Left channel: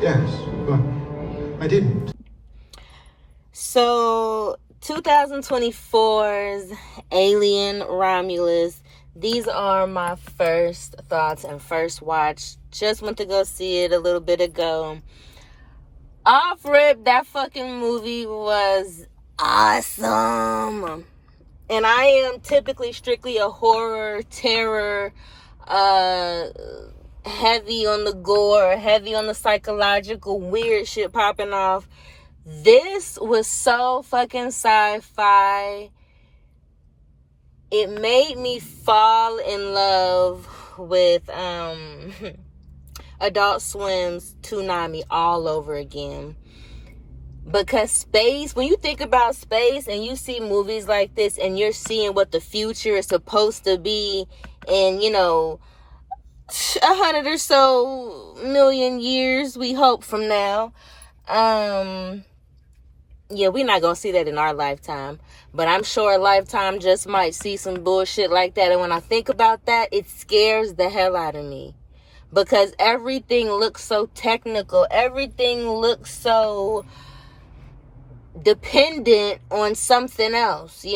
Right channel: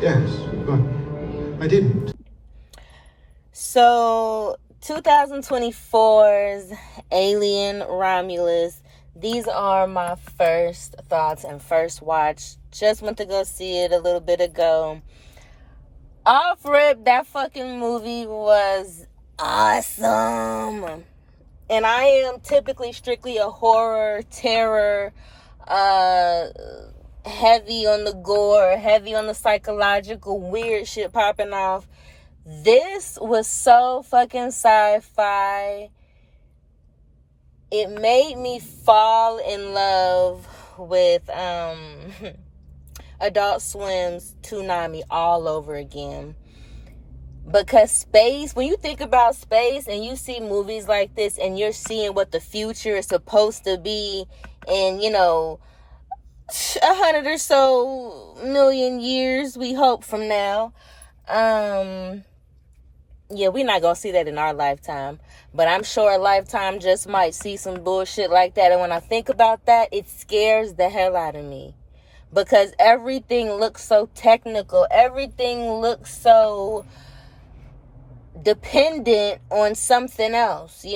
Yes, but I didn't. So, 2024's Alien Romulus. These are my first thoughts and first watch. Just went to go see it a little bit ago. Off rip, that fucking movie was awesome. And I am typically strictly a horror, terror, heavy on the gore, heavy on the psychological, weird shit popping off. This was so fucking sci-fi. It made me fall in love with Adult Swim's Toonami all over again. Because space, when you think about space and you see movies like this and you're seeing what the future is supposed to be in, 100 or so million years, we hope, from now. Yeah, we're not gonna see that in our lifetime, but I'm sure a lifetime just might see some bullshit like that. And when I think about that, it scares the hell out of me, because everything looks so technical, everything looks so dependent on something else.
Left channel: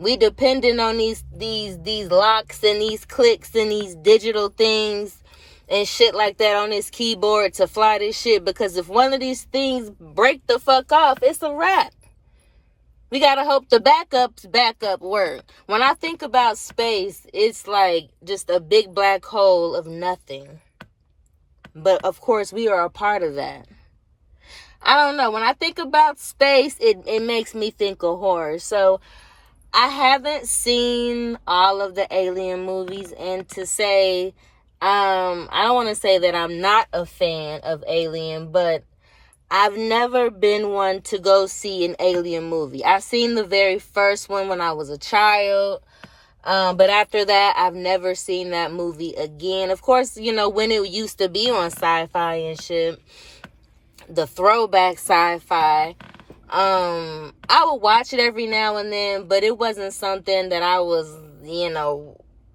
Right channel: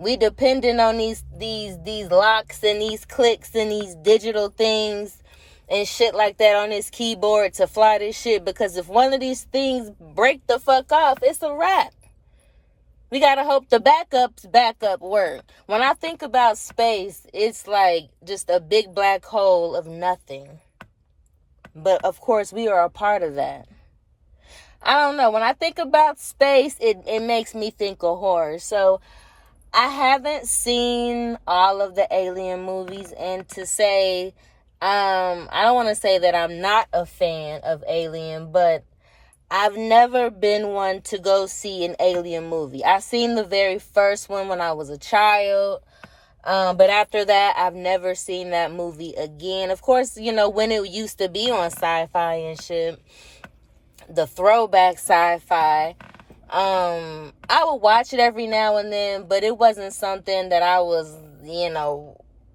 We dependent on these locks and these clicks and these digital things and shit like that on this keyboard to fly this shit, because if one of these things break the fuck off, it's a wrap. We gotta hope the backup work. When I think about space, it's like just a big black hole of nothing. But of course, we are a part of that. I don't know. When I think about space, it makes me think of horror. So I haven't seen all of the Alien movies, and to say, I don't want to say that I'm not a fan of Alien, but I've never been one to go see an Alien movie. I've seen the very first one when I was a child, but after that, I've never seen that movie again. Of course, when it used to be on Sci-Fi and shit, the throwback Sci-Fi, I would watch it every now and then, but it wasn't something that I was,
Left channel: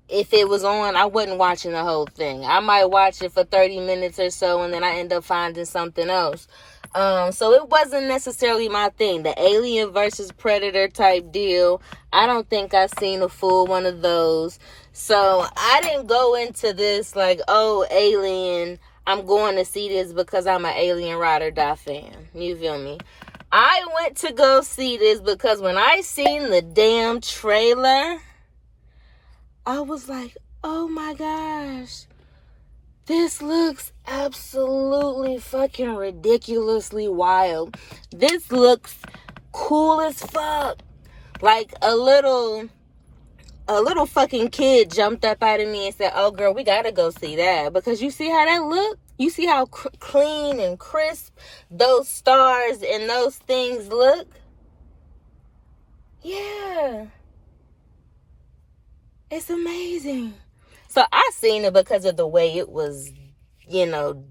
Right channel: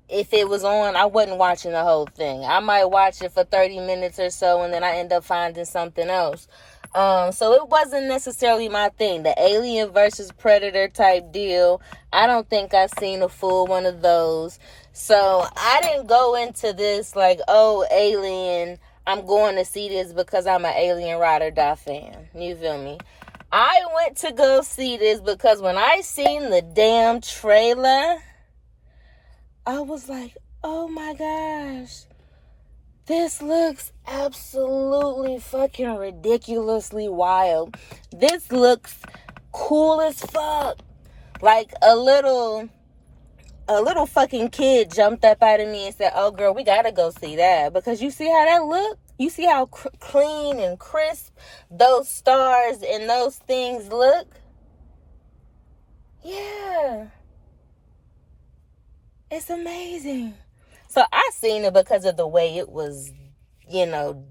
if it was on, I wasn't watching the whole thing. I might watch it for 30 minutes or so, and then I end up finding something else. So it wasn't necessarily my thing. The Alien versus Predator type deal, I don't think I've seen a full one of those. So I didn't go into this like, oh, Alien, I'm going to see this because I'm an Alien Ride or Die fan. You feel me? I went to go see this because when I seen the damn trailer, I was like, oh my gosh, this looks absolutely fucking ridiculously wild. This looks cool as fuck. Like a little fucking kid jumped up out of me and said, oh girl, we gotta go see that, because you see how that look? You see how clean and crisp those stars and those things look? Yeah. It's amazing. So I seen it because of the way it was, I don't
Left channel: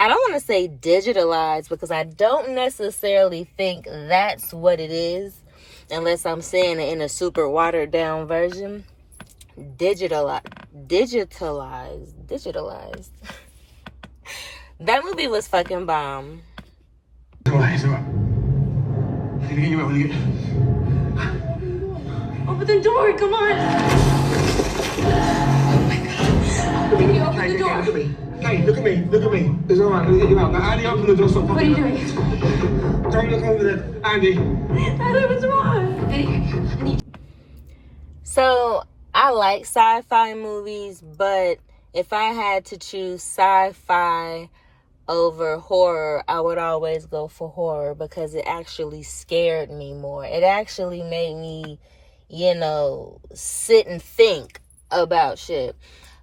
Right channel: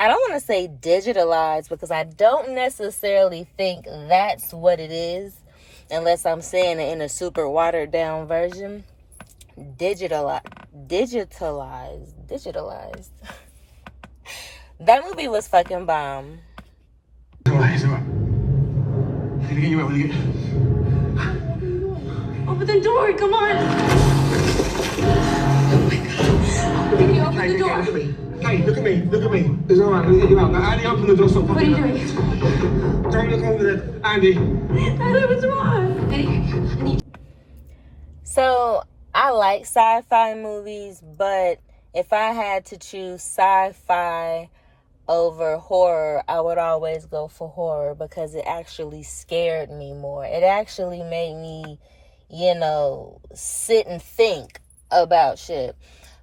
want to say digitalized, because I don't necessarily think that's what it is, unless I'm saying it in a super watered down version. Digitalized. That movie was fucking bomb. It's alright. I'm gonna get you out. Open the door, come on. Oh my God. Can you open the door? Look at me. It's alright, I'm gonna get you out. Now, Andy, open the door. Stop. What are you doing? Don't look over there. Andy. Andy, what's wrong? I need... So, I like sci-fi movies, but if I had to choose sci-fi over horror, I would always go for horror, because it actually scared me more. It actually made me, sit and think about shit.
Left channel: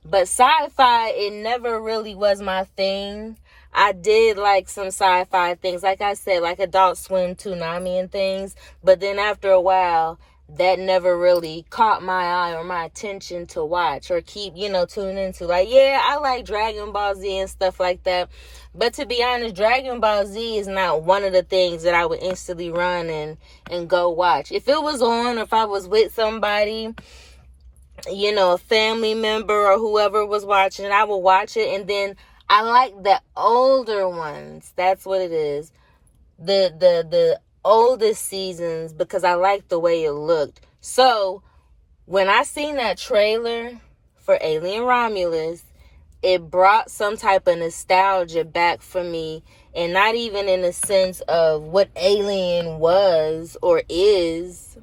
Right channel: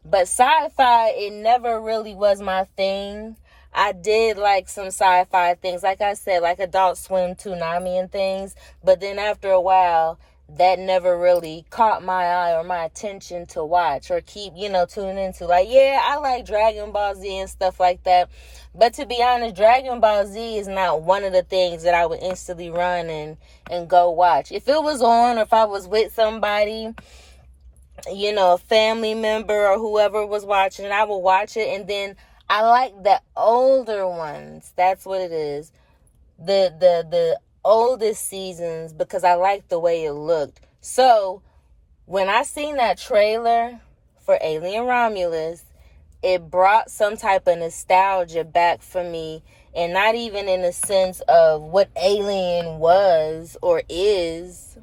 But sci-fi, it never really was my thing. I did like some sci-fi things, like I said, like Adult Swim, Toonami and things. But then after a while, that never really caught my eye or my attention to watch or keep, tune into. Like, yeah, I like Dragon Ball Z and stuff like that. But to be honest, Dragon Ball Z is not one of the things that I would instantly run and go watch. If it was on, or if I was with somebody, a family member or whoever was watching it, I would watch it, and then I like the older ones. That's what it is. The oldest seasons, because I like the way it looked. So when I seen that trailer for Alien Romulus, it brought some type of nostalgia back for me, and not even in the sense of what Alien was or is.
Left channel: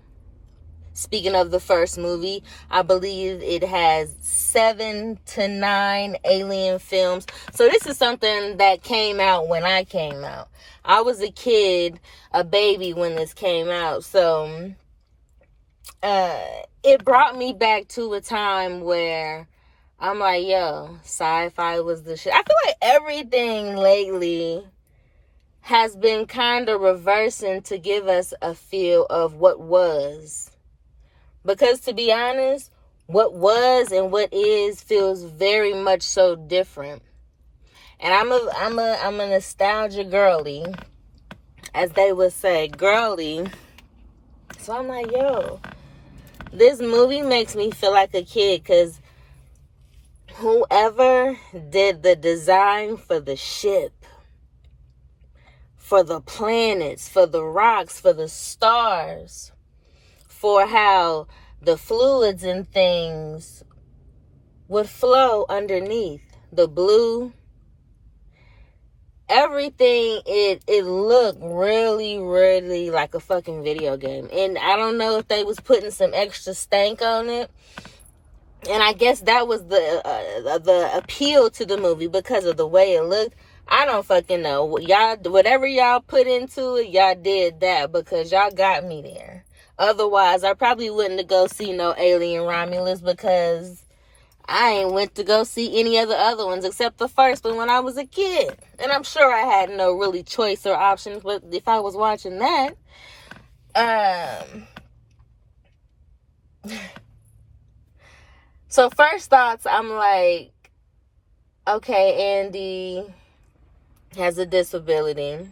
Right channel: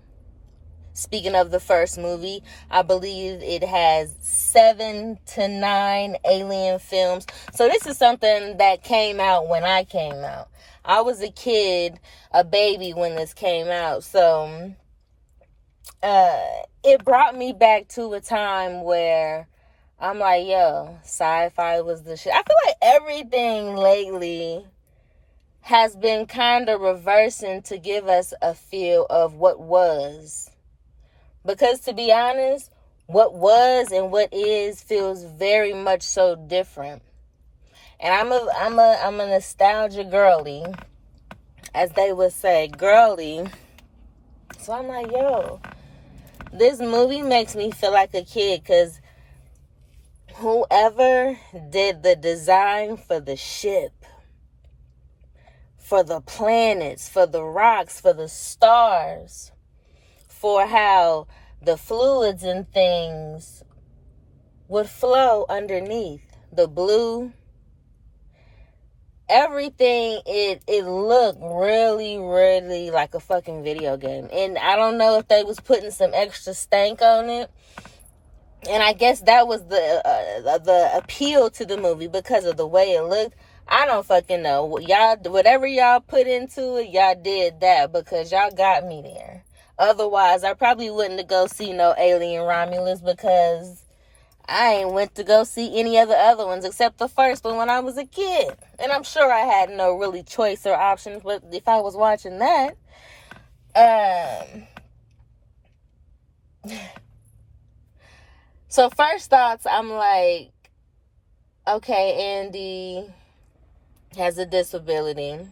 Speaking of the first movie, I believe it has 7 to 9 Alien films. So this is something that came out when I came out. I was a kid, a baby when this came out. So it brought me back to a time where I'm like, yo, sci-fi was the shit. I feel like everything lately has been kind of reversing to give us a feel of what was. Because to be honest, what was and what is feels very much so different. And I'm a nostalgia girly, as they would say, girly. So I'm like, yo, this movie makes me feel like a kid, because whoever did the design for the ship, for the planets, for the rocks, for the stars, for how the fluids and things would flow underneath, the blue, everything, it looked really, really like a fucking video game. And I don't know if they was putting some extra stank on it. And I guess that was the appeal to the movie, because of the way it looked. I don't fucking know. Y'all, whatever y'all put into it, y'all did that, because y'all got me there. Otherwise, I probably wouldn't have go see no Alien Romulus, because I ain't went to go see any of the other ones except the first one when I was a kid. And I'm sure I had no really choice or options, but if I was watching that, so first thoughts, I'm like, okay, Andy has a disability.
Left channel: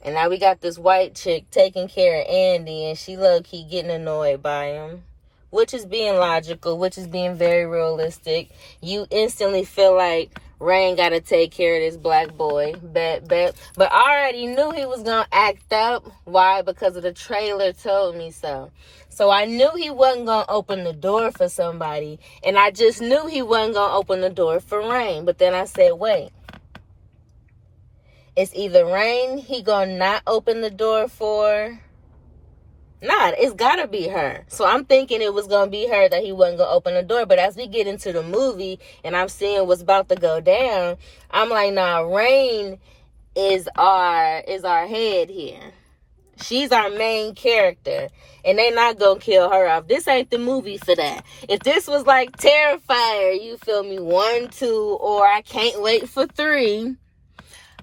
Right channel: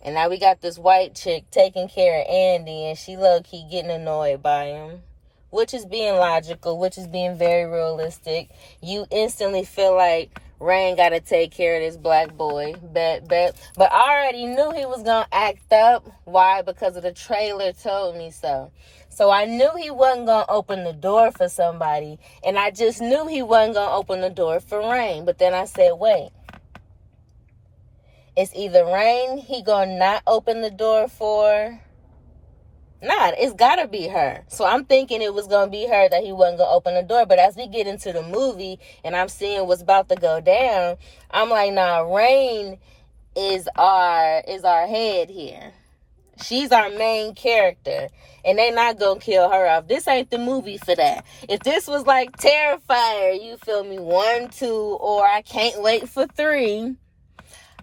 And now we got this white chick taking care of Andy, and she low-key getting annoyed by him. Which is being logical, which is being very realistic. You instantly feel like Rain got to take care of this black boy. Bet. But I already knew he was going to act up. Why? Because of the trailer told me so. So I knew he wasn't going to open the door for somebody. And I just knew he wasn't going to open the door for Rain. But then I said, wait. It's either Rain he going to not open the door for. Nah, it's gotta be her. So I'm thinking it was gonna be her, that he wasn't gonna open the door. But as we get into the movie and I'm seeing what's about to go down, I'm like, nah, Rain is our head here. She's our main character. And they not gonna kill her off. This ain't the movie for that. If this was like Terrifier, you feel me, 1, 2, or I Can't Wait for 3,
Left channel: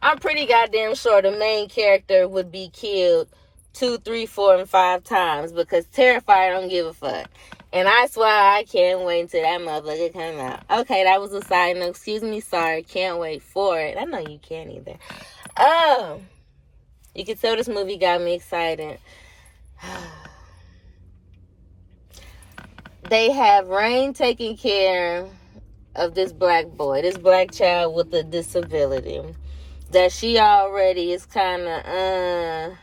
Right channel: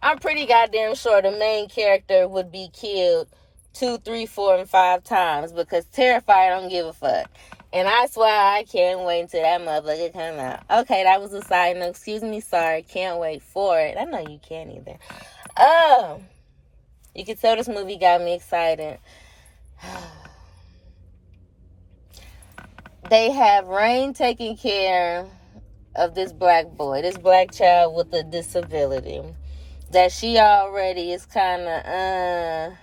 I'm pretty goddamn sure the main character would be killed 2, 3, 4, and 5 times, because Terrifier don't give a fuck. And I swear I can't wait until that motherfucker come out. Okay, that was a side note. Excuse me, sorry. Can't wait for it. I know you can't either. You can tell this movie got me excited. They have Rain taking care of this black boy, this black child with a disability that she already is kind of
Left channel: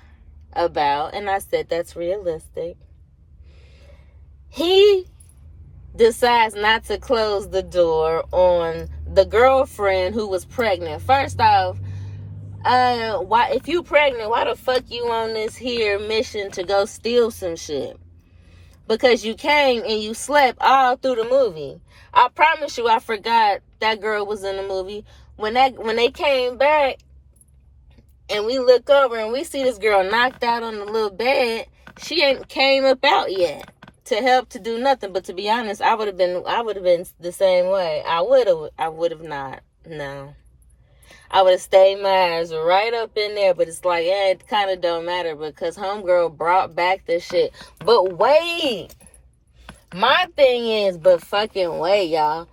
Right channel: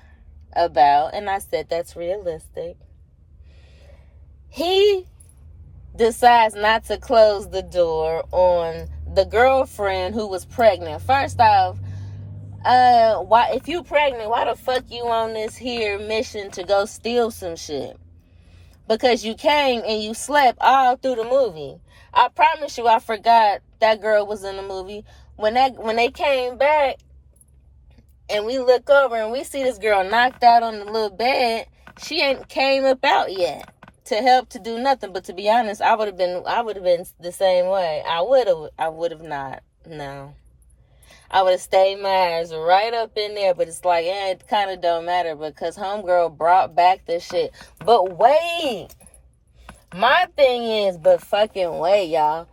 about, and I said that's realistic. He decides not to close the door on the girlfriend who was pregnant. First off, why, if you pregnant, why the fuck you on this here mission to go steal some shit? Because you came and you slept all through the movie. I promise you, I forgot that girl was in the movie. When they came back, and we look over and we see this girl knocked out on the little bed, she ain't came up out yet to help, to do nothing. But to be honest, I would have been the same way. I would have not. No. I would have stayed my ass right up in there. But it's like, it kind of don't matter, because homegirl brought back the shit. But wait. My thing is, but fucking wait, y'all.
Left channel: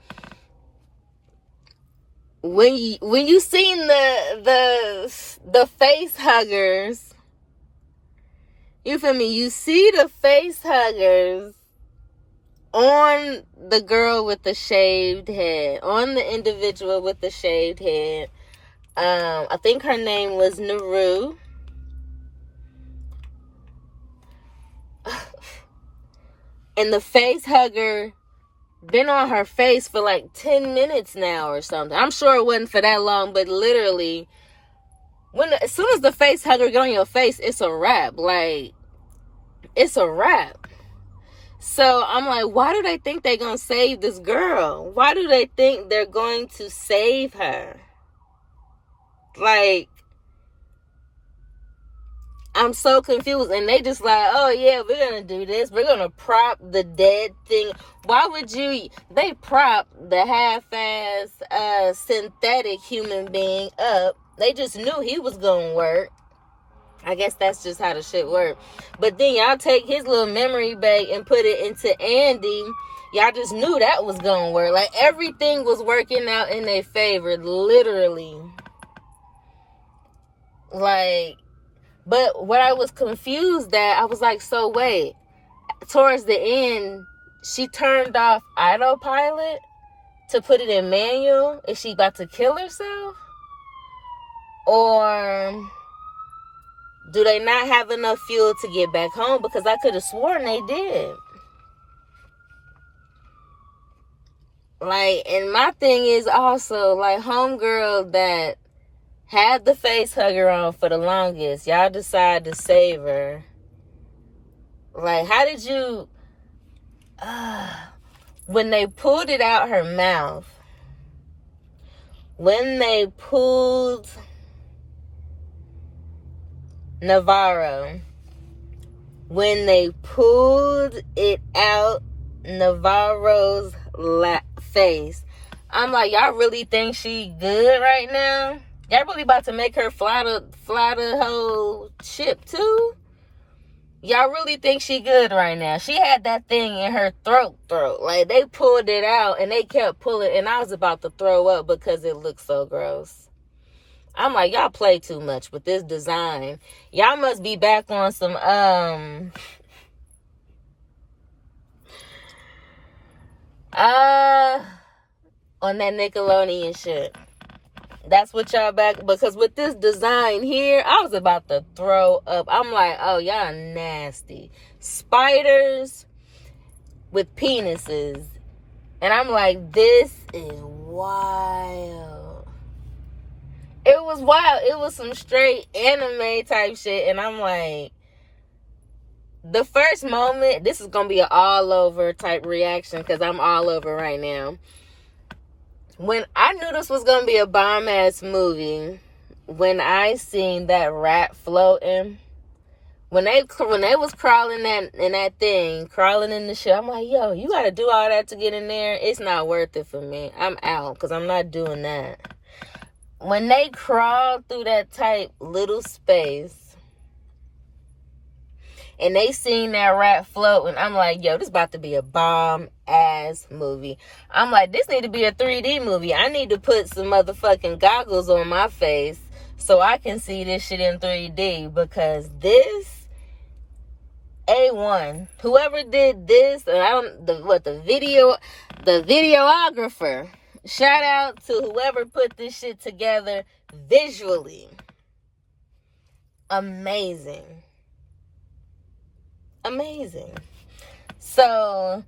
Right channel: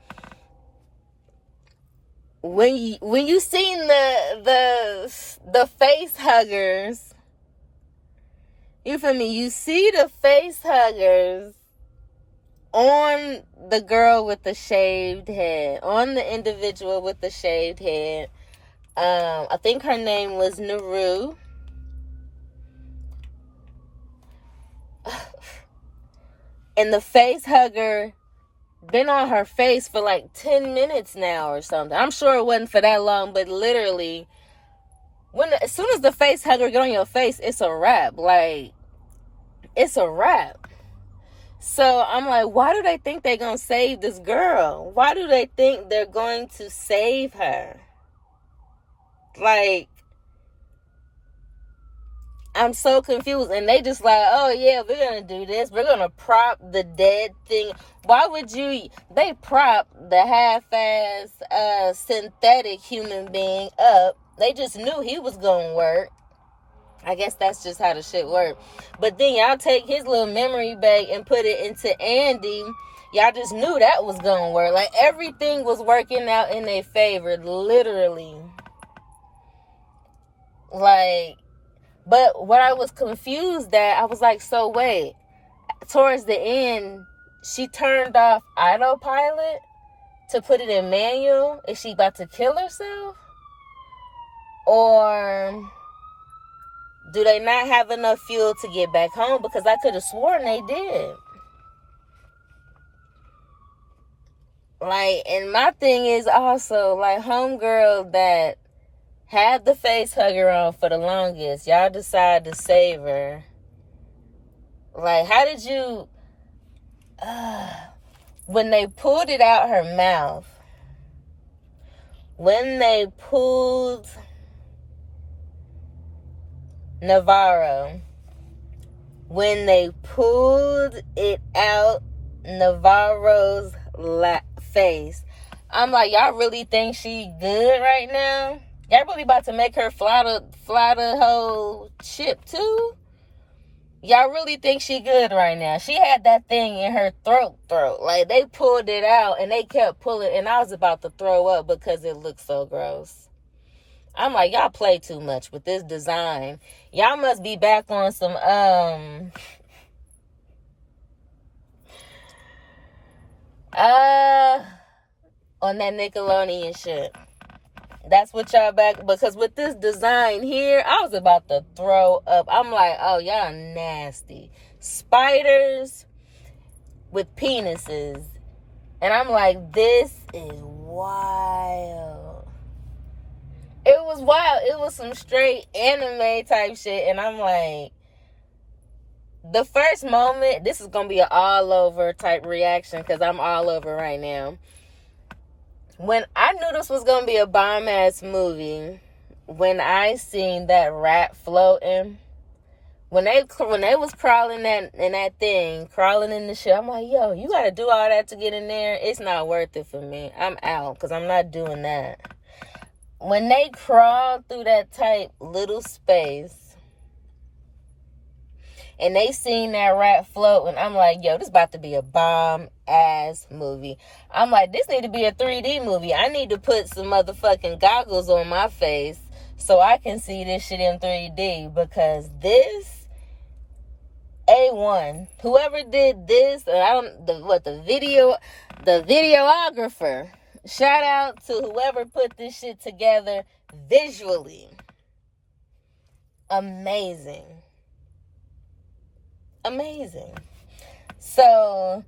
When you seen the face huggers, you feel me? You see the face huggers on the girl with the shaved head, on the individual with the shaved head. I think her name was Naru. And the face hugger been on her face for like 10 minutes now or something. I'm sure it wasn't for that long, but literally, as soon as the face hugger get on your face, it's a wrap. Like, it's a wrap. So I'm like, why do they think they're going to save this girl? Why do they think they're going to save her? Like, I'm so confused. And they just like, oh yeah, we're going to do this. We're going to prop the dead thing. Why would they prop the half-ass synthetic human being up. They just knew he was going to work. I guess that's just how the shit worked. But then y'all take his little memory bank and put it into Andy. Y'all just knew that was going to work. Like, everything was working out in their favor, literally. Like, but what I was confused at, I was like, so wait. Towards the end, she turned off autopilot to put it in manual. Is she about to kill herself? Or do they not have enough fuel to get back home? Because I could have sworn they did. Like, and my thing is also, like, homegirl that had the face hugger on for the longest, y'all decide to save her. Like, how did you... when they pulled it out her mouth, when they pulled Navarro, when they pulled it out Navarro's face, I'm like, y'all really think she good right now? Y'all really about to make her fly the whole ship too? Y'all really think she good right now? She had that thing in her throat. Like, they pulled it out and they kept pulling, and I was about to throw up because it looked so gross. I'm like, y'all play too much with this design. Y'all must be back on some, on that Nickelodeon shit. That's what y'all back, because with this design here, I was about to throw up. I'm like, oh, y'all nasty. Spiders with penises. And I'm like, this is wild. It was wild. It was some straight anime type shit. And I'm like, the first moment, this is going to be an all over type reaction because I'm all over right now. When I knew this was going to be a bomb-ass movie, when I seen that rat floating, when they was crawling in that thing, crawling in the shit, I'm like, yo, you got to do all that to get in there? It's not worth it for me. I'm out because I'm not doing that. When they crawled through that tight little space, and they seen that rat floating, I'm like, yo, this about to be a bomb-ass movie. I'm like, this need to be a 3D movie. I need to put some motherfucking goggles on my face so I can see this shit in 3D, because this, A1. Whoever did this, the videographer, shout out to whoever put this shit together visually. Amazing. So,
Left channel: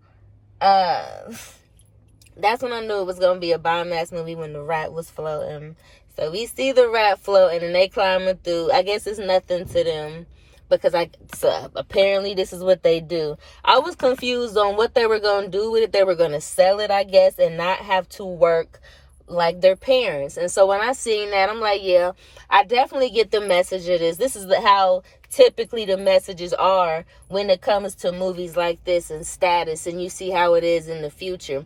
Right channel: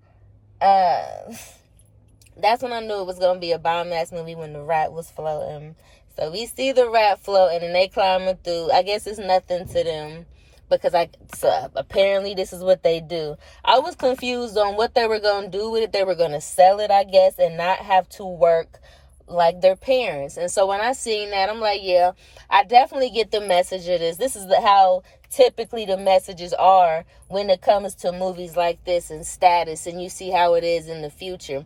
that's when I knew it was going to be a bomb-ass movie, when the rat was floating. So we see the rat floating and they climbing through. I guess it's nothing to them because apparently this is what they do. I was confused on what they were going to do with it. They were going to sell it, I guess, and not have to work like their parents. And so when I seen that, I'm like, yeah, I definitely get the message of this. This is how typically the messages are when it comes to movies like this and status, and you see how it is in the future.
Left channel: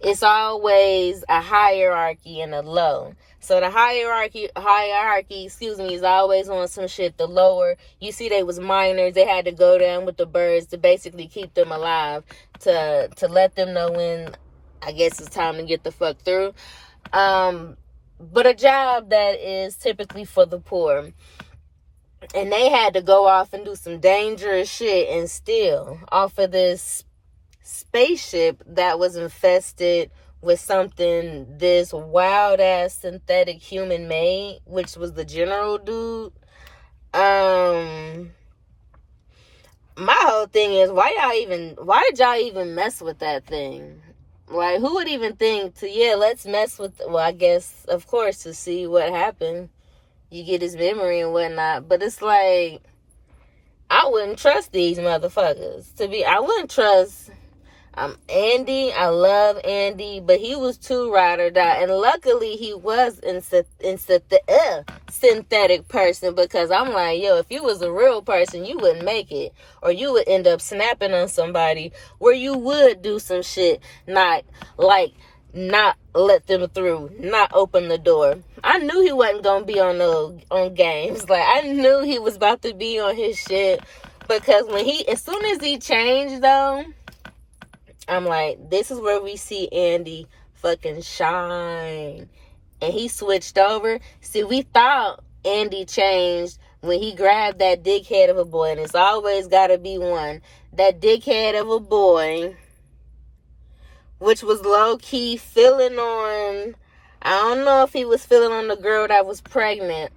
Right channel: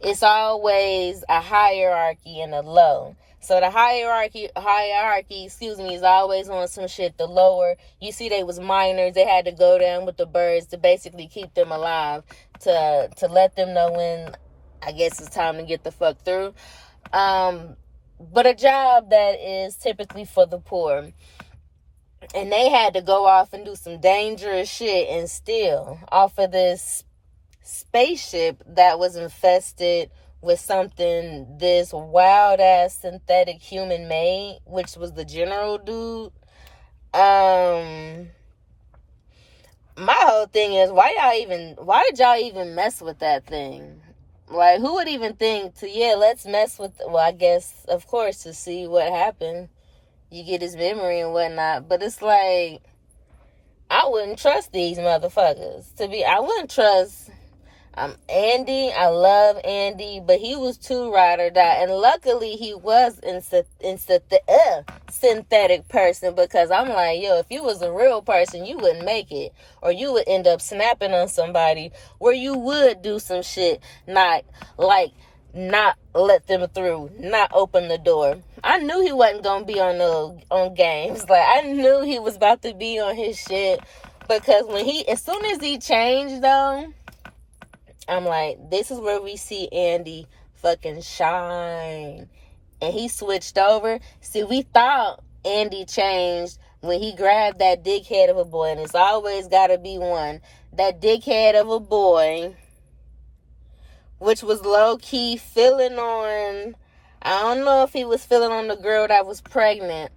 It's always a hierarchy and a low. So the hierarchy, is always on some shit. The lower, you see, they was minors. They had to go down with the birds to basically keep them alive, to let them know when, I guess, it's time to get the fuck through. But a job that is typically for the poor. And they had to go off and do some dangerous shit and steal off of this spaceship that was infested with something this wild ass synthetic human made, which was the general dude. My whole thing is, why did y'all even mess with that thing? Like, who would even think let's mess with, well, I guess, of course, to see what happened. You get his memory and whatnot. But it's like, I wouldn't trust these motherfuckers. I wouldn't trust Andy. I love Andy, but he was too ride or die. And luckily, he was synthetic person, because I'm like, yo, if you was a real person, you wouldn't make it. Or you would end up snapping on somebody where you would do some shit, not let them through, not open the door. I knew he wasn't gonna be on games. Like, I knew he was about to be on his shit, because as soon as he changed though, I'm like, this is where we see Andy fucking shine. And he switched over. See, we thought Andy changed when he grabbed that dickhead of a boy, and it's always gotta be one. That dickhead of a boy, which was low-key feeling on, I don't know if he was feeling on the girl that was pregnant.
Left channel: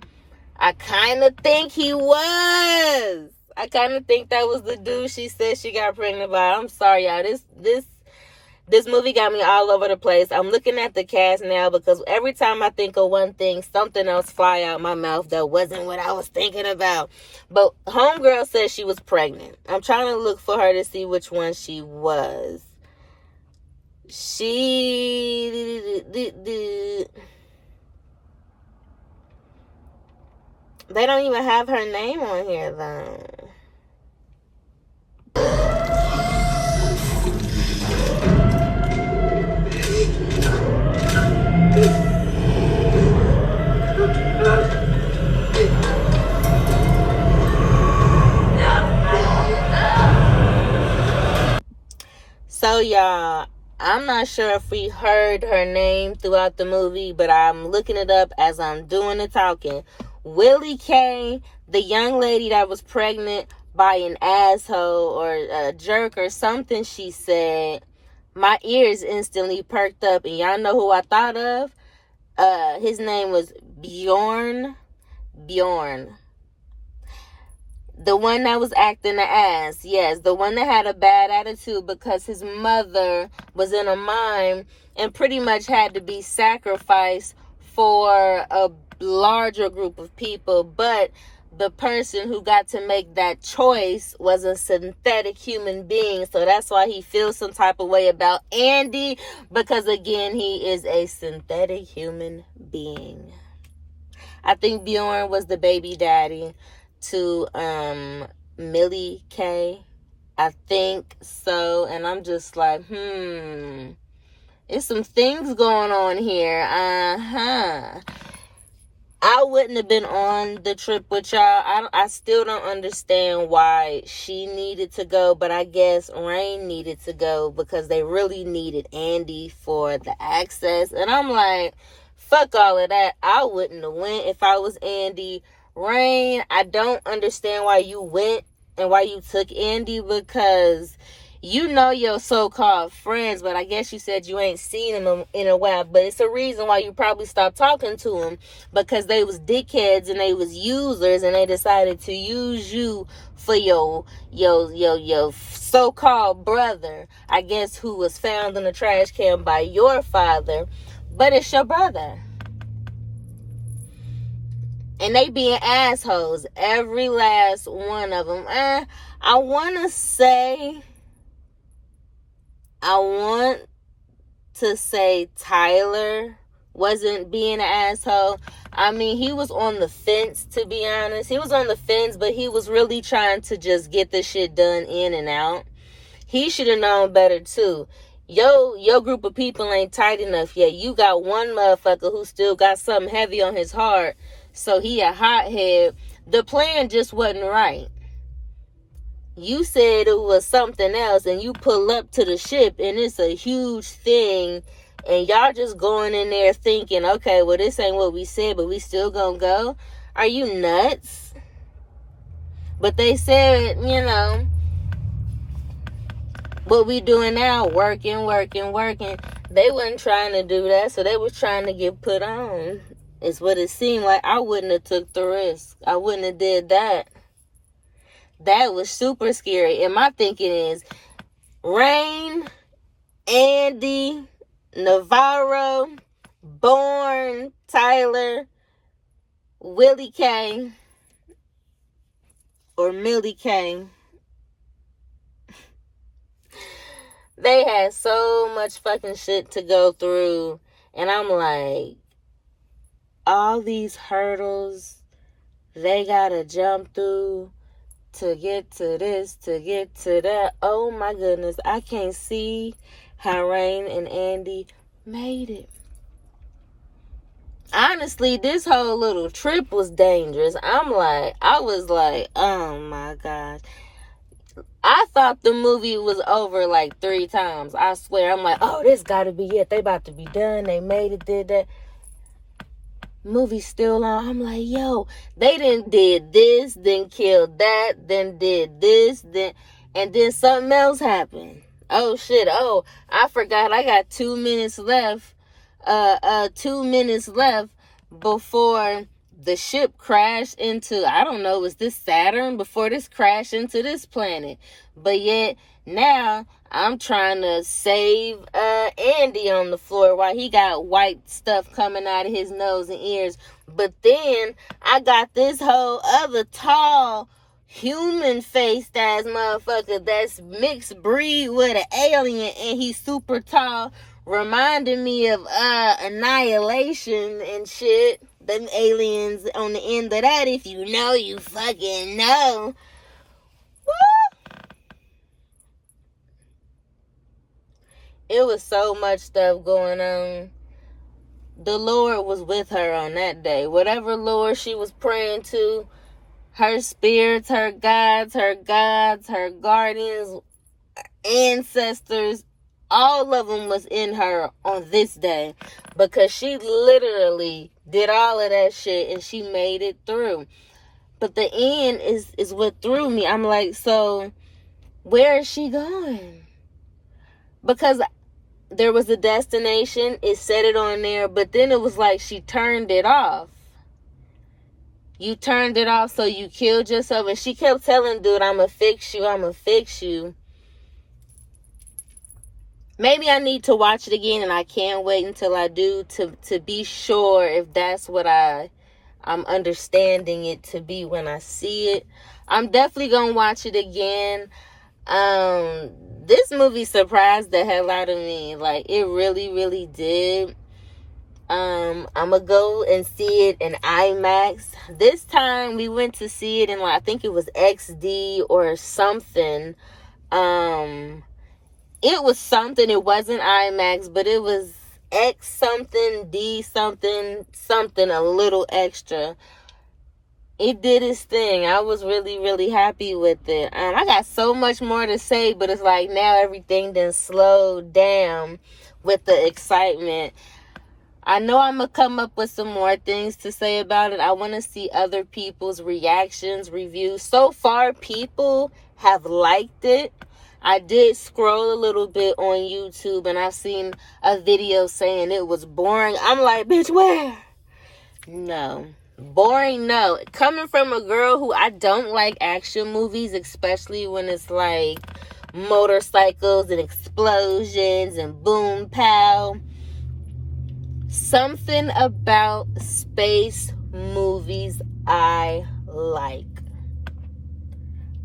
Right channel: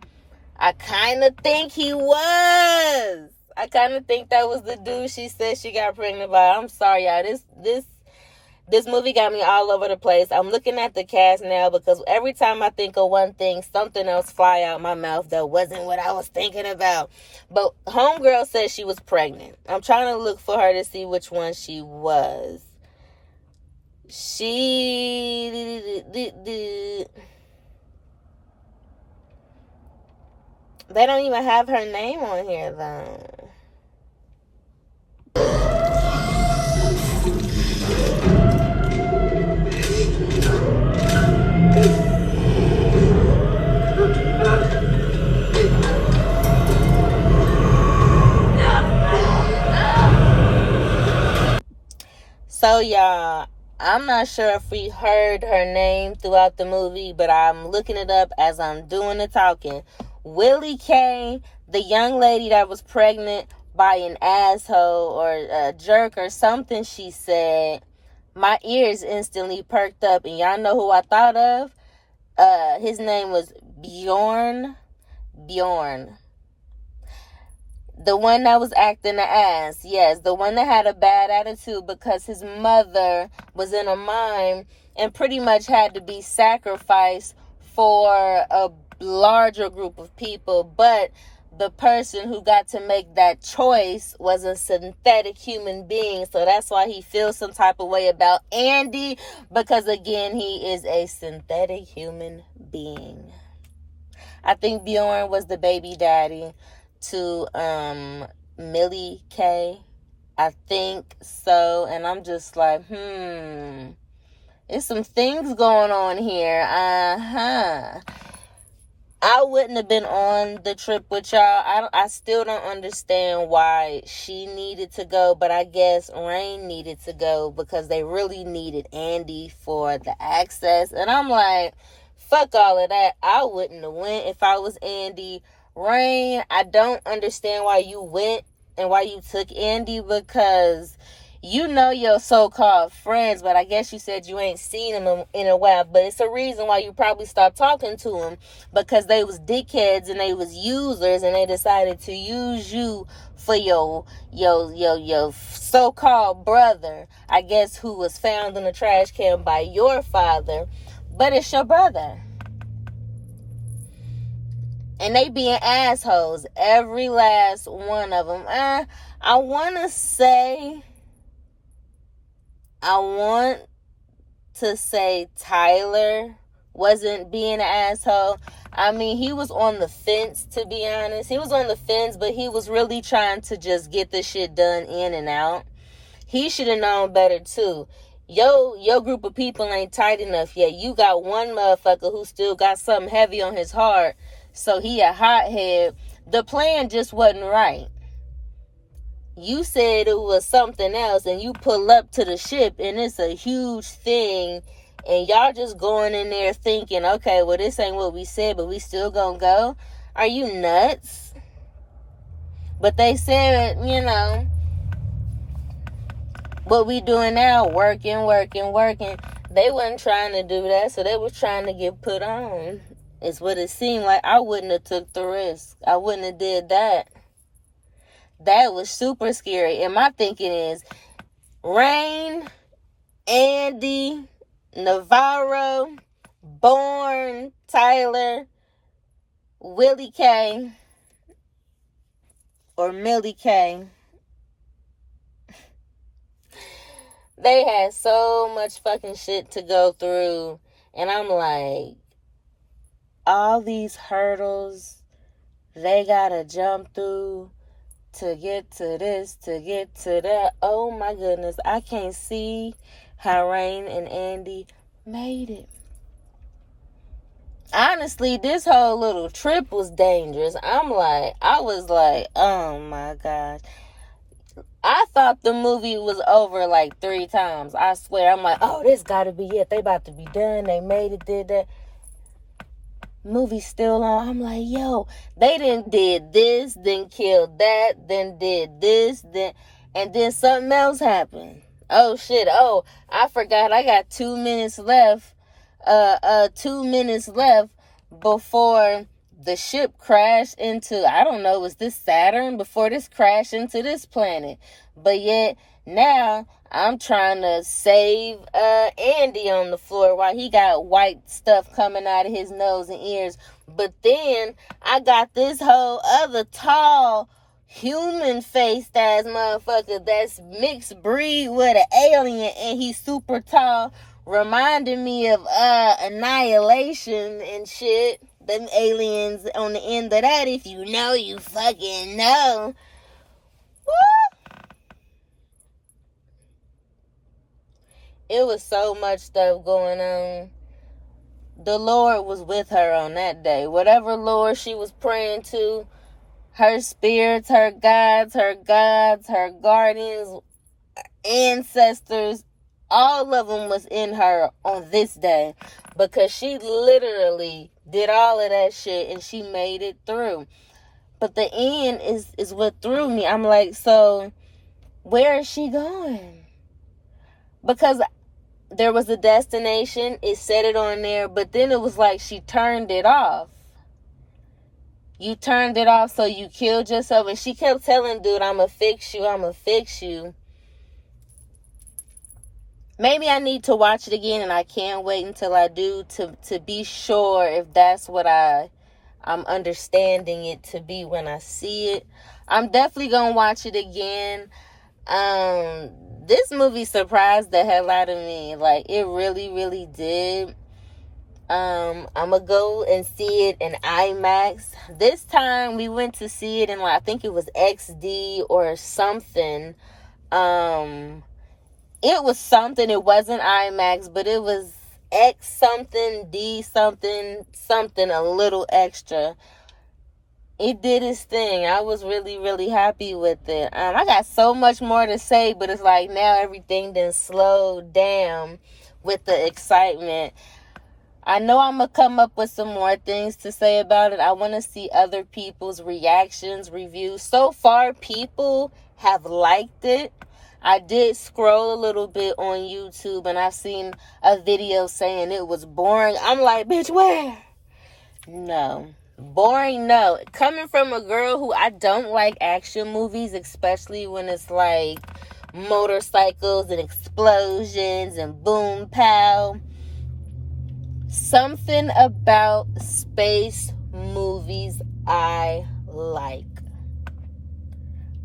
I kind of think he was. I kind of think that was the dude she said she got pregnant by. I'm sorry, y'all. This movie got me all over the place. I'm looking at the cast now, because every time I think of one thing, something else fly out my mouth that wasn't what I was thinking about. But homegirl said she was pregnant. I'm trying to look for her to see which one she was. They don't even have her name on here, though. So, y'all, I'm not sure if we heard her name throughout the movie, but I'm looking it up as I'm doing the talking. Willie K, the young lady that was pregnant by an asshole or a jerk or something she said, my ears instantly perked up. And y'all know who I thought of? His name was Bjorn. The one that was acting the ass. Yes, the one that had a bad attitude because his mother was in a mine and pretty much had to be sacrificed for a larger group of people. But the person who got to make that choice was a synthetic human being. So that's why he feels some type of way about Andy, because again, he is a synthetic human being. I think Bjorn was the baby daddy to Millie K. I think so. And I'm just like, there's some things going on here. I wouldn't have been on the trip with y'all. I still don't understand why she needed to go, but I guess Rain needed to go because they really needed Andy for the access. And I'm like, fuck all of that. I wouldn't have went if I was Andy. Rain, I don't understand why you went and why you took Andy, because you know your so-called friends, but I guess you said you ain't seen them in a while. But it's a reason why you probably stopped talking to them, because they was dickheads and they was users, and they decided to use you for your so-called brother, I guess, who was found in a trash can by your father, but it's your brother. And they being assholes, every last one of them. I want to say Tyler wasn't being an asshole. I mean, he was on the fence, to be honest. He was on the fence, but he was really trying to just get the shit done in and out. He should have known better, too. Your group of people ain't tight enough yet. You got one motherfucker who still got something heavy on his heart, so he a hothead. The plan just wasn't right. You said it was something else, and you pull up to the ship, and it's a huge thing, and y'all just going in there thinking, okay, well, this ain't what we said, but we still gonna go? Are you nuts? But they said, what we doing now, working. They wasn't trying to do that, so they was trying to get put on. It's what it seemed like. I wouldn't have took the risk. I wouldn't have did that. That was super scary. And my thinking is, Rain, Andy, Navarro, Bourne, Tyler, Willie K, or Millie K. They had so much fucking shit to go through. And I'm like, all these hurdles they gotta jump through to get to this, to get to that. Oh my goodness. I can't see how Rain and Andy made it. Honestly, this whole little trip was dangerous. I was like, oh my gosh. I thought the movie was over like 3 times. I swear. I'm like, oh, this gotta be it. They about to be done. They made it, did that. Movie still on. I'm like, yo, they did this, then killed that, then did this, and then something else happened. Oh shit. Oh, I forgot I got 2 minutes left. 2 minutes left before the ship crashed into, I don't know, was this Saturn? Before this crashed into this planet. But yet now I'm trying to save Andy on the floor while he got white stuff coming out of his nose and ears. But then I got this whole other tall human faced ass motherfucker that's mixed breed with an alien, and he's super tall, reminding me of Annihilation and shit. Them aliens on the end of that, if you know, you fucking know. Woo! It was so much stuff going on. The Lord was with her on that day. Whatever Lord she was praying to, her spirits, her gods, her guardians, ancestors, all of them was in her on this day, because she literally did all of that shit and she made it through. But the end is what threw me. I'm like, so where is she going? Because there was a destination, it said it on there, but then it was like she turned it off. You turned it off, so you killed yourself. And she kept telling dude, I'ma fix you. Maybe I need to watch it again, and I can't wait until I do to be sure if that's what I'm understanding it to be when I see it. I'm definitely gonna watch it again. This movie surprised the hell out of me. Like, it really, really did. I'm gonna go and see it in IMAX. This time we went to see it in, like, I think it was XD or something. It was something. It wasn't IMAX, but it was X something, D something, a little extra. It did its thing. I was really, really happy with it. I got so much more to say, but it's like now everything done slowed down with the excitement. I know I'm going to come up with some more things to say about it. I want to see other people's reactions, reviews. So far, people have liked it. I did scroll a little bit on YouTube, and I've seen a video saying it was boring. I'm like, bitch, where? No. Boring, no. Coming from a girl who I don't like action movies, especially when it's like motorcycles and explosions and boom pow. Something about space movies I like.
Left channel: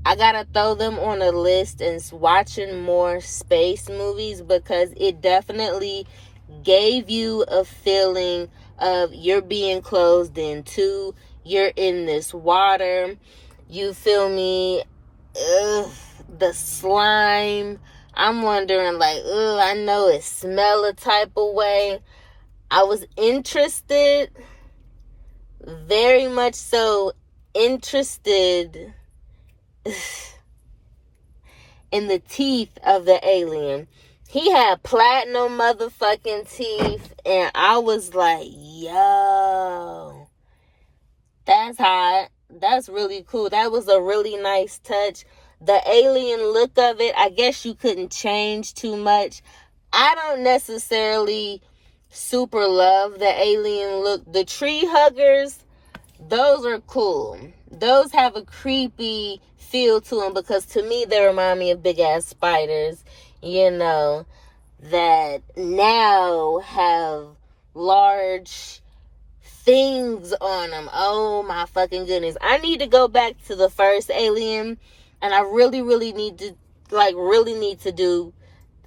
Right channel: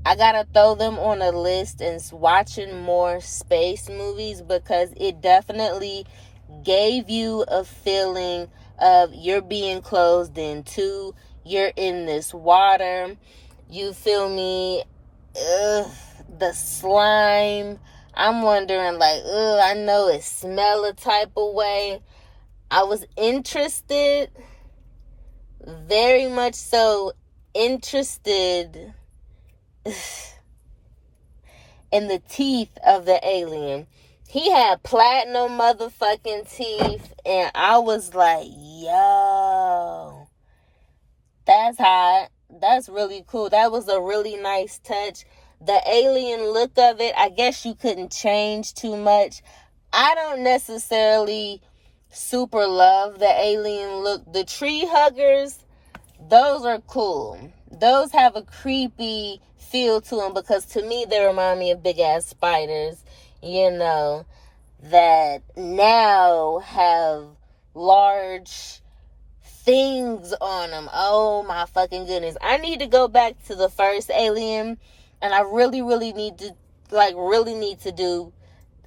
I gotta throw them on a list and watching more space movies, because it definitely gave you a feeling of you're being closed into, you're in this water, you feel me, the slime, I'm wondering like, I know it smell a type of way. I was interested, very much so interested in the teeth of the alien. He had platinum motherfucking teeth, and I was like, yo, that's hot. That's really cool. That was a really nice touch. the alien look of it, I guess you couldn't change too much. I don't necessarily super love the alien look. The tree huggers, those are cool. Those have a creepy feel to them because to me they remind me of big ass spiders, you know, that now have large things on them. Oh my fucking goodness. I need to go back to the first Alien, and I really need to do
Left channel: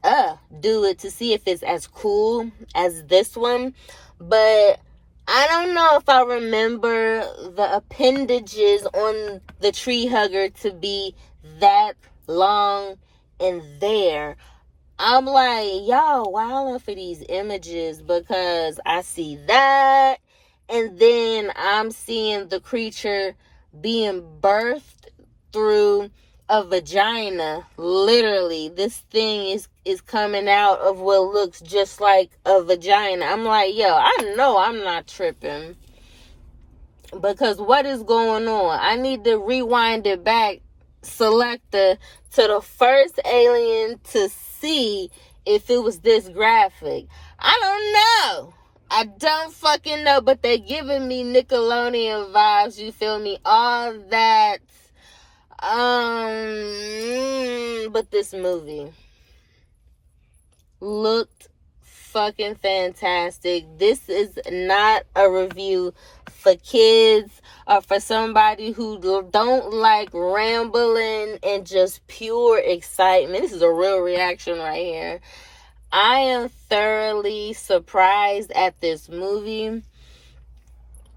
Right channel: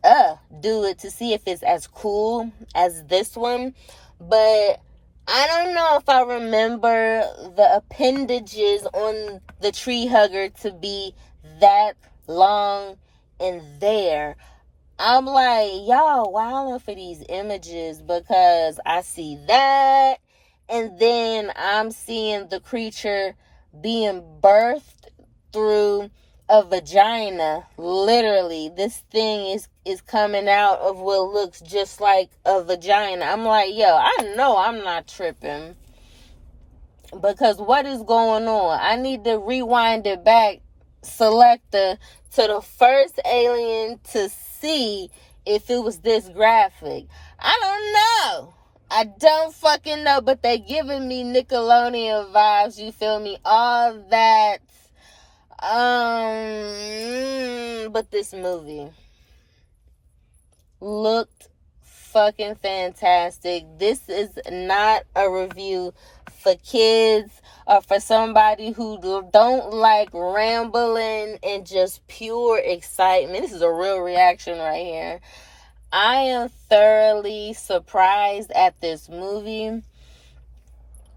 it to see if it's as cool as this one. But I don't know if I remember the appendages on the tree hugger to be that long in there. I'm like, y'all wilding for these images because I see that, and then I'm seeing the creature being birthed through a vagina. Literally, this thing is coming out of what looks just like a vagina. I'm like, yo, I know I'm not tripping. Because what is going on? I need to rewind it back, selector, to the first Alien to see if it was this graphic. I don't know. I don't fucking know, but they're giving me Nickelodeon vibes, you feel me? All that. But this movie looked fucking fantastic. This is not a review for kids or for somebody who don't like rambling and just pure excitement. This is a real reaction right here. I am thoroughly surprised at this movie.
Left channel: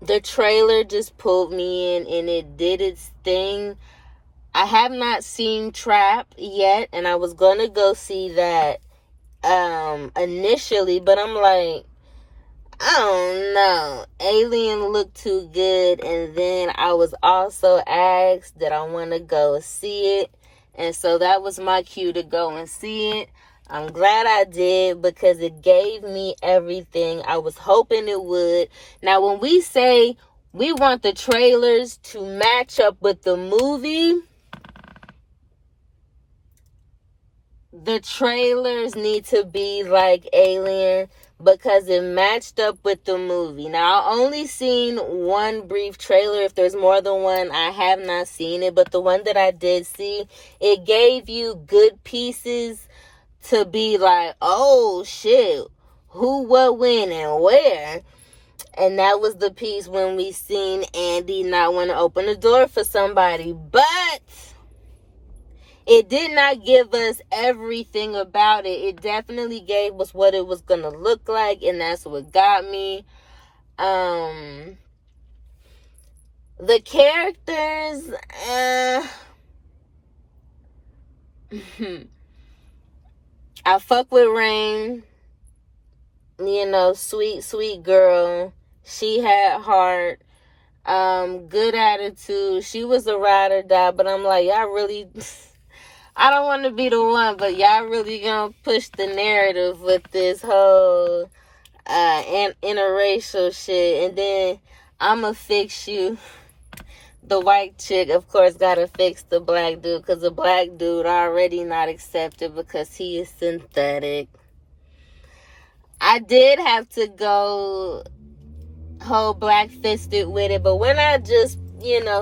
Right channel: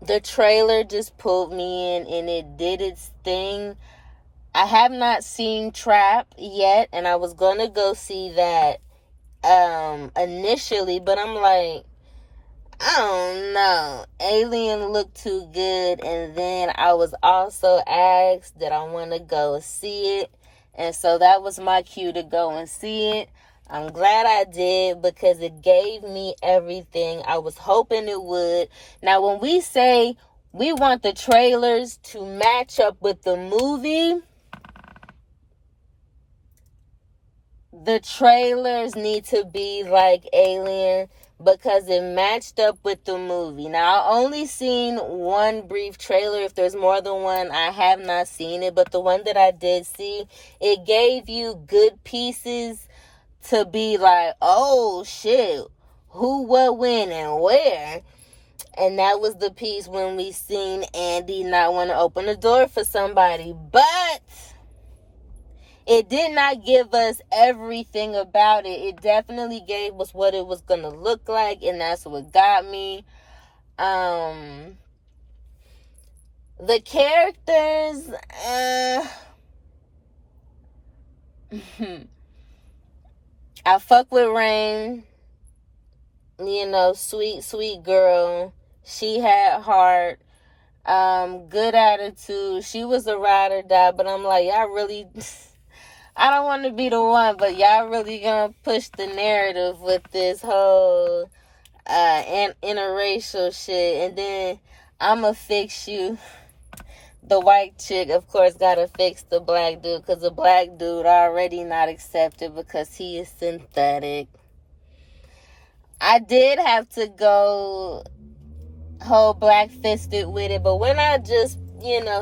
The trailer just pulled me in and it did its thing. I have not seen Trap yet, and I was gonna go see that initially, but I'm like, I don't know. Alien looked too good, and then I was also asked that I want to go see it, and so that was my cue to go and see it. I'm glad I did because it gave me everything I was hoping it would. Now, when we say we want the trailers to match up with the movie, the trailers need to be like Alien because it matched up with the movie. Now, I only seen one brief trailer. If there's more than one, I have not seen it. But the one that I did see, it gave you good pieces to be like, oh shit, who, what, when, and where. And that was the piece when we seen Andy not want to open the door for somebody. But it did not give us everything about it. It definitely gave us what it was going to look like, and that's what got me. The characters, I fuck with Rain. You know, sweet girl. She had heart. Good attitude. She was a ride or die, but I'm like, y'all really... I don't want to be the one, but y'all really gonna push the narrative with this whole interracial shit, and then I'ma fix you. The white chick, of course, gotta fix the black dude, because the black dude already not accepted because he is synthetic. I did have to go whole black-fisted with it, but when I just,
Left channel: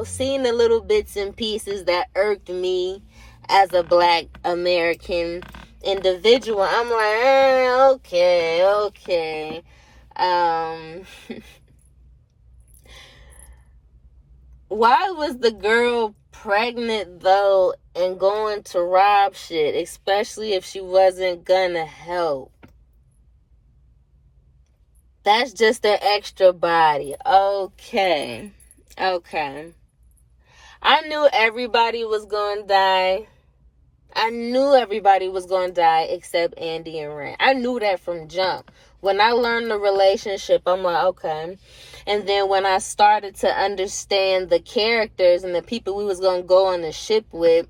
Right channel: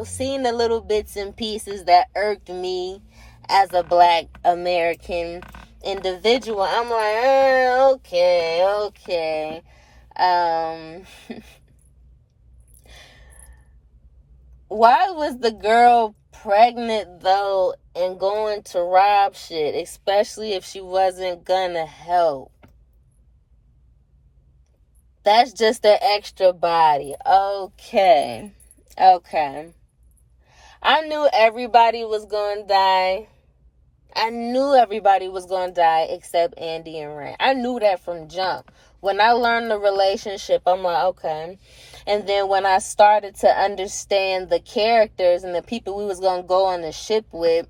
seen the little bits and pieces that irked me as a black American individual, I'm like, okay. Why was the girl pregnant, though, and going to rob shit, especially if she wasn't gonna help? That's just an extra body. Okay. I knew everybody was gonna die. Except Andy and Ray. I knew that from jump. When I learned the relationship, I'm like, okay. And then when I started to understand the characters and the people we was going to go on the ship with,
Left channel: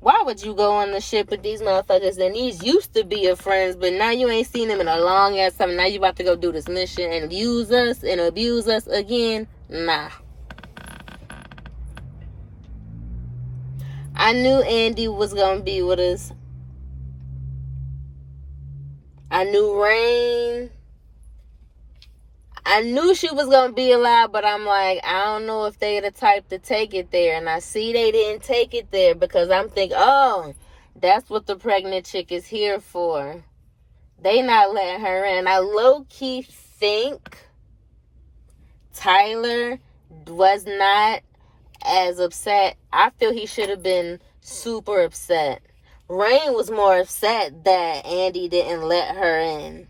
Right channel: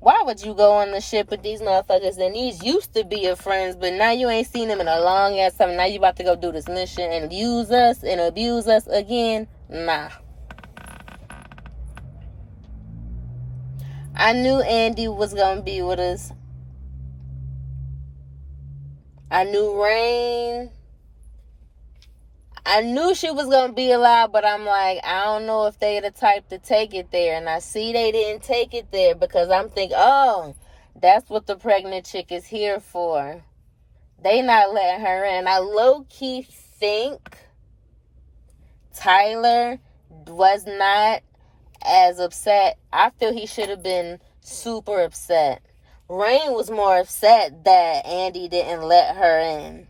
why would you go on the ship with these motherfuckers? And these used to be your friends, but now you ain't seen them in a long ass time. Now you about to go do this mission and use us and abuse us again? Nah. I knew Andy was going to be with us. I knew Rain. I knew she was going to be alive, but I'm like, I don't know if they the type to take it there. And I see they didn't take it there because I'm thinking, oh, that's what the pregnant chick is here for. They not letting her in. I low-key think Tyler was not as upset. I feel he should have been super upset. Rain was more upset that Andy didn't let her in.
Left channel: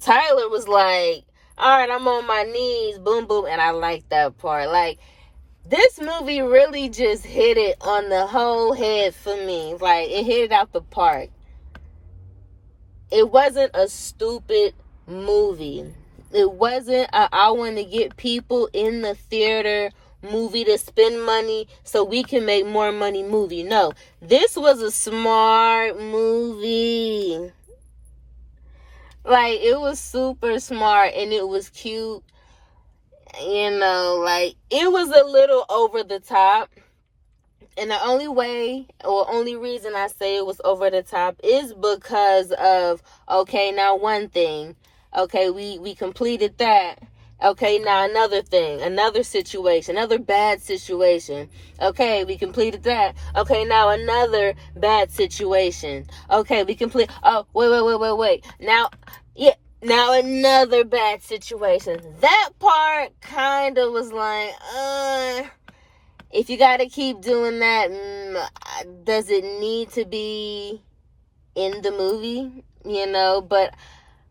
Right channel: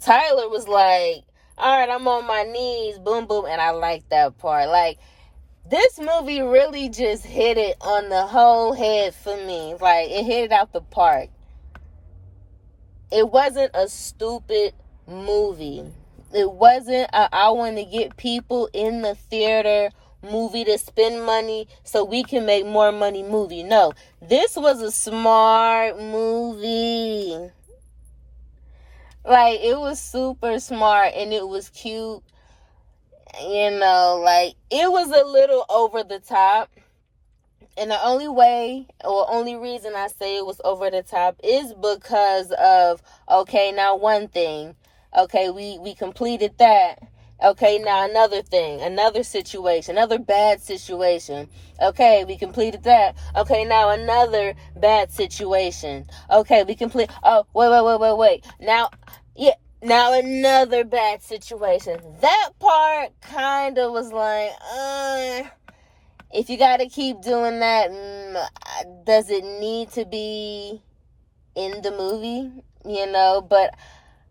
Tyler was like, all right, I'm on my knees, boom, boom, and I like that part. Like, this movie really just hit it on the whole head for me. Like, it hit it out the park. It wasn't a stupid movie. It wasn't I want to get people in the theater movie to spend money so we can make more money movie. No, this was a smart movie. Like, it was super smart and it was cute. You know, like, it was a little over the top. And the only way or only reason I say it was over the top is because of, okay, now one thing. Okay, we completed that. Okay, now another thing, another situation, another bad situation. Okay, we completed that. Okay, now another bad situation. Okay, we complete. Oh, wait. Now another bad situation. That part kind of was like, if you got to keep doing that, does it need to be in the movie? You know, but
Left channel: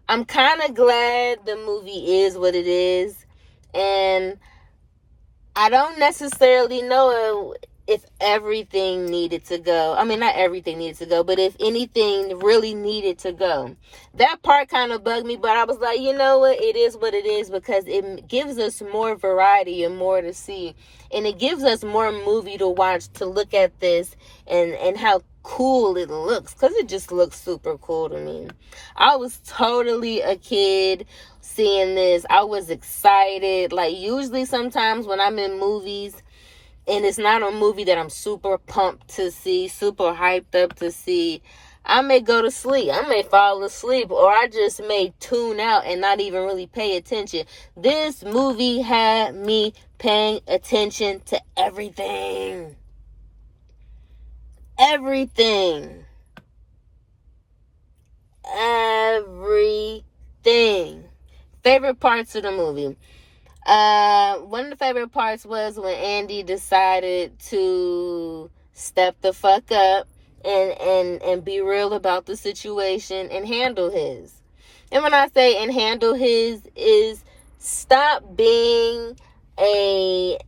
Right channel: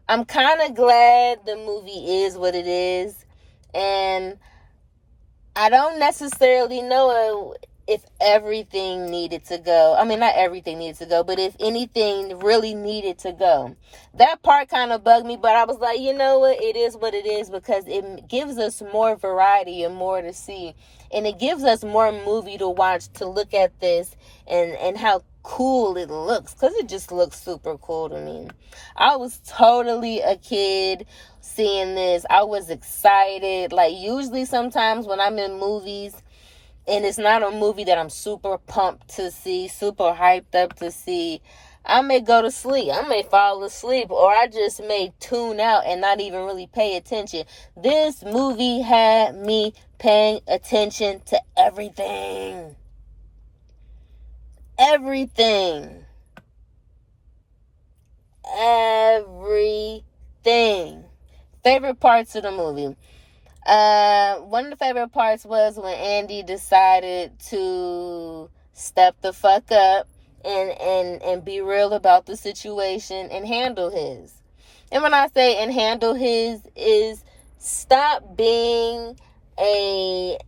I'm kind of glad the movie is what it is. And I don't necessarily know if everything needed to go. I mean, not everything needed to go, but if anything really needed to go. That part kind of bugged me, but I was like, you know what? It is what it is because it gives us more variety and more to see. And it gives us more movie to watch, to look at this and how cool it looks, because it just looks super cool to me. I was totally a kid seeing this. I was excited. Like, usually sometimes when I'm in movies and it's not a movie that I'm super pumped to see, super hyped up to see, I may go to sleep. I may fall asleep, or I just may tune out and not even really pay attention. This movie had me paying attention to everything. Everything. Favorite parts of the movie. One of the favorite parts was when Andy decided to step the fuck up and be real about the situation and handle his. And when I say and handle his, is stop being a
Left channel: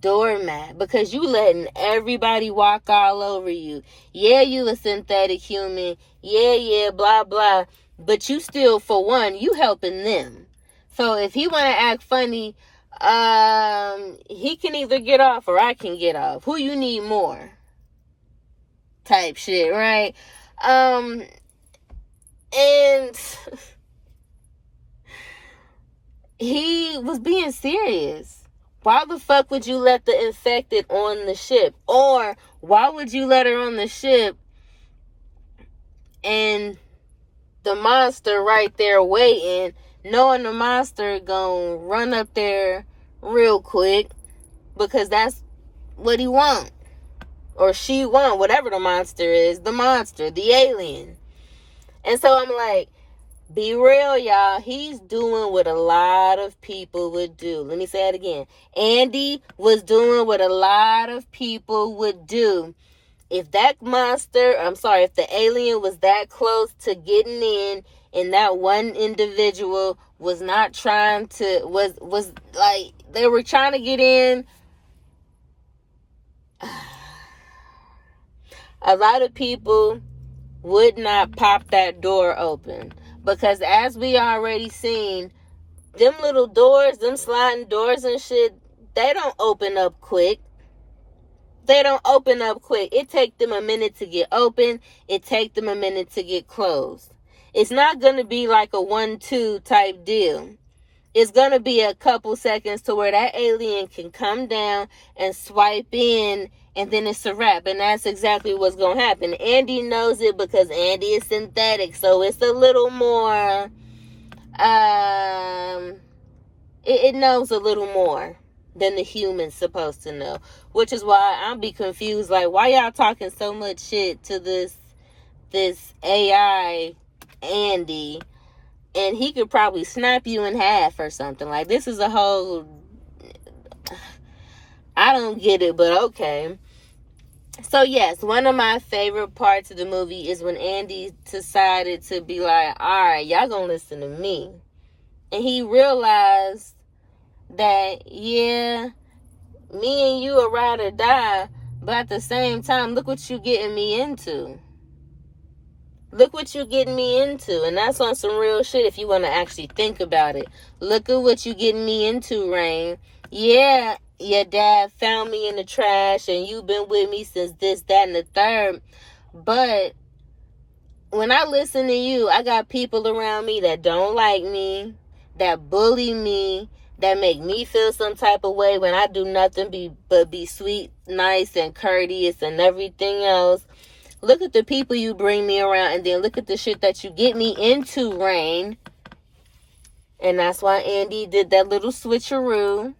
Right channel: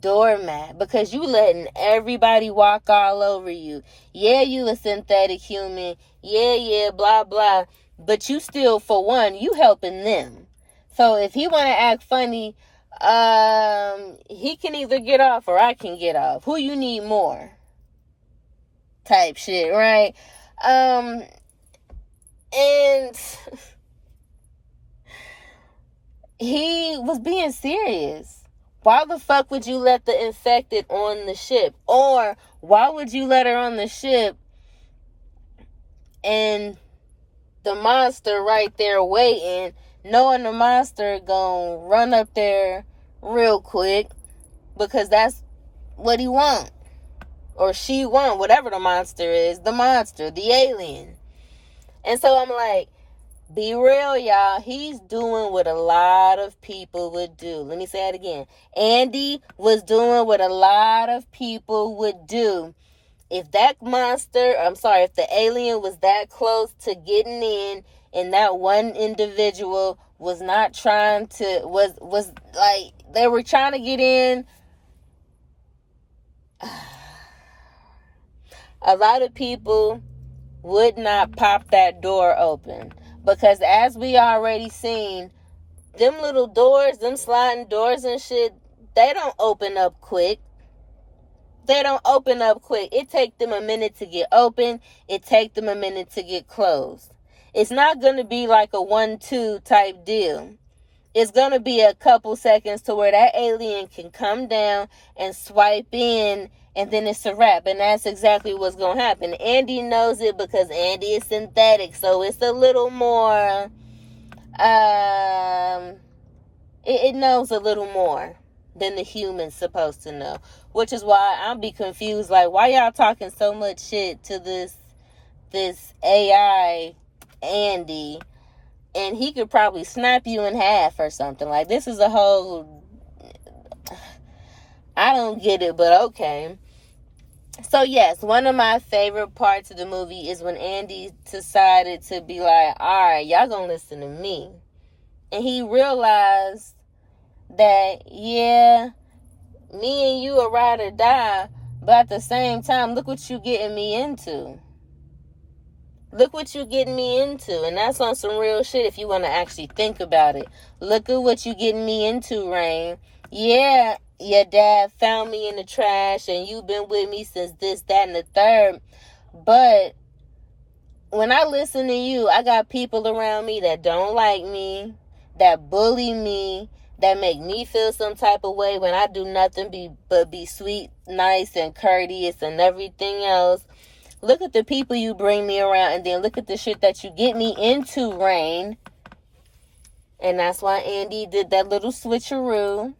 doormat, because you letting everybody walk all over you. Yeah, you a synthetic human. Yeah, blah, blah. But you still, for one, you helping them. So if he want to act funny, he can either get off or I can get off. Who you need more? Type shit, right? And he was being serious. Why the fuck would you let the infected on the ship? Or why would you let her on the ship and the monster right there waiting, knowing the monster gonna run up there real quick because that's what he want, or she want, whatever the monster is, the alien. And so I'm like, be real, y'all. He's doing what a lot of people would do. Let me say it again. Andy was doing what a lot of people would do. If that if the alien was that close to getting in, and that one individual was not trying to, was like, they were trying to get in, a lot of people would not pop that door open. Because as we already seen, them little doors, them sliding doors and shit, they don't open up quick. It take them a minute to get open. It take them a minute to get closed. It's not going to be like a 1-2 type deal. it's going to be a couple seconds to where that alien can come down and swipe in, and then it's a wrap. And that's exactly what's going to happen. Andy knows it because Andy is synthetic, so it's a little more, it knows a little more than the human's supposed to know. Which is why I'll be confused, like, why y'all talking so much shit to this AI Andy, and he could probably snap you in half or something. Like, this is a whole, I don't get it, but okay. So yes, one of my favorite parts of the movie is when Andy decided to be like, all right, y'all gonna listen to me. And he realized that, yeah, me and you are ride or die, but at the same time, look what you getting me into. Look what you getting me into. And that's on some real shit if you want to actually think about it. Look at what you getting me into, Rain. Yeah, your dad found me in the trash and you've been with me since this, that, and the third. But when I listen to you, I got people around me that don't like me, that bully me, that make me feel some type of way when I do nothing but be sweet, nice, and courteous and everything else. Look at the people you bring me around, and then look at the shit that you get me into, Rain. And that's why Andy did that little switcheroo.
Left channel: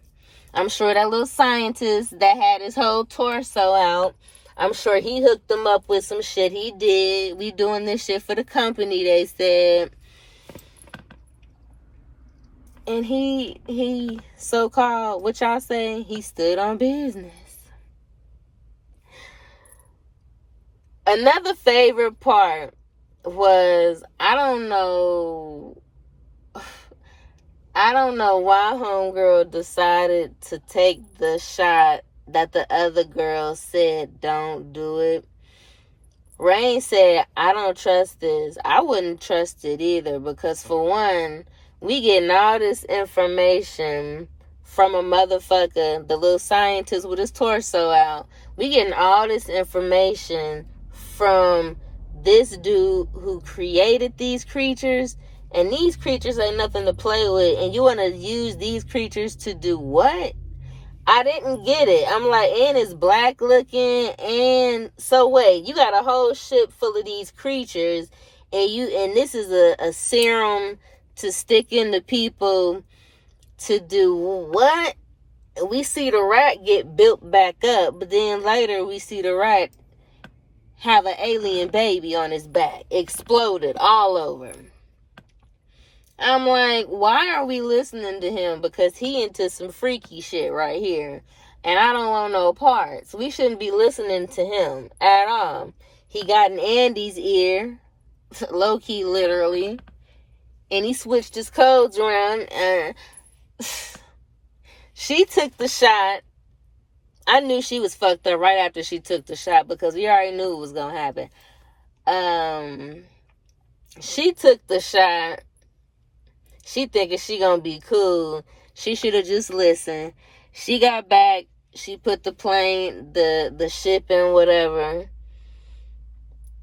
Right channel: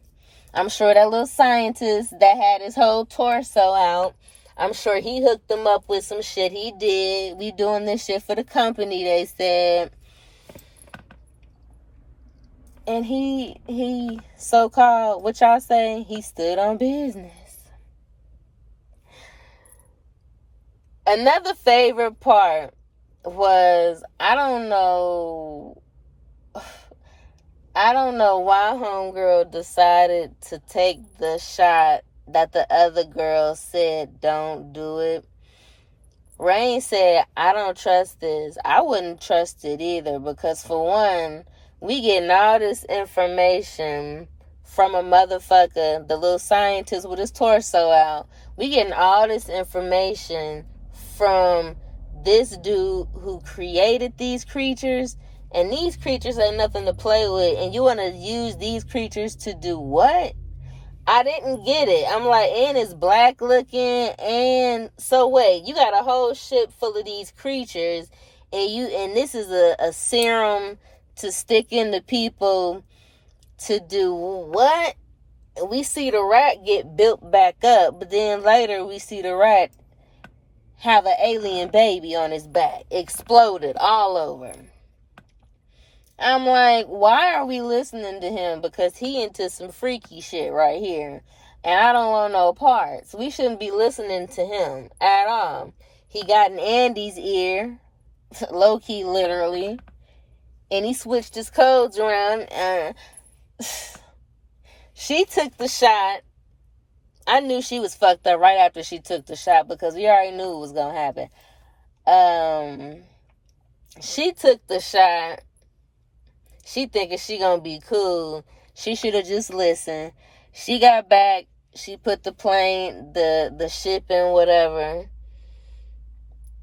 I'm sure that little scientist that had his whole torso out, I'm sure he hooked them up with some shit he did. We doing this shit for the company, they said. And he so-called, what y'all say, he stood on business. Another favorite part was, I don't know why homegirl decided to take the shot that the other girl said don't do it. Rain said, I don't trust this. I wouldn't trust it either, because for one, we getting all this information from a motherfucker, the little scientist with his torso out. We getting all this information from this dude who created these creatures, and these creatures ain't nothing to play with, and you want to use these creatures to do what? I didn't get it. I'm like, and it's black looking, and so wait, you got a whole ship full of these creatures, and this is a serum to stick into people to do what? We see the rat get built back up, but then later we see the rat have an alien baby on his back, exploded all over. I'm like, why are we listening to him? Because he into some freaky shit right here, and I don't want no parts. We shouldn't be listening to him at all. He got in Andy's ear, low-key literally, and he switched his codes around. She took the shot. I knew she was fucked up right after she took the shot, because we already knew it was going to happen. She took the shot. She thinking she going to be cool. She should have just listened. She got back. She put the plane, the ship in, whatever.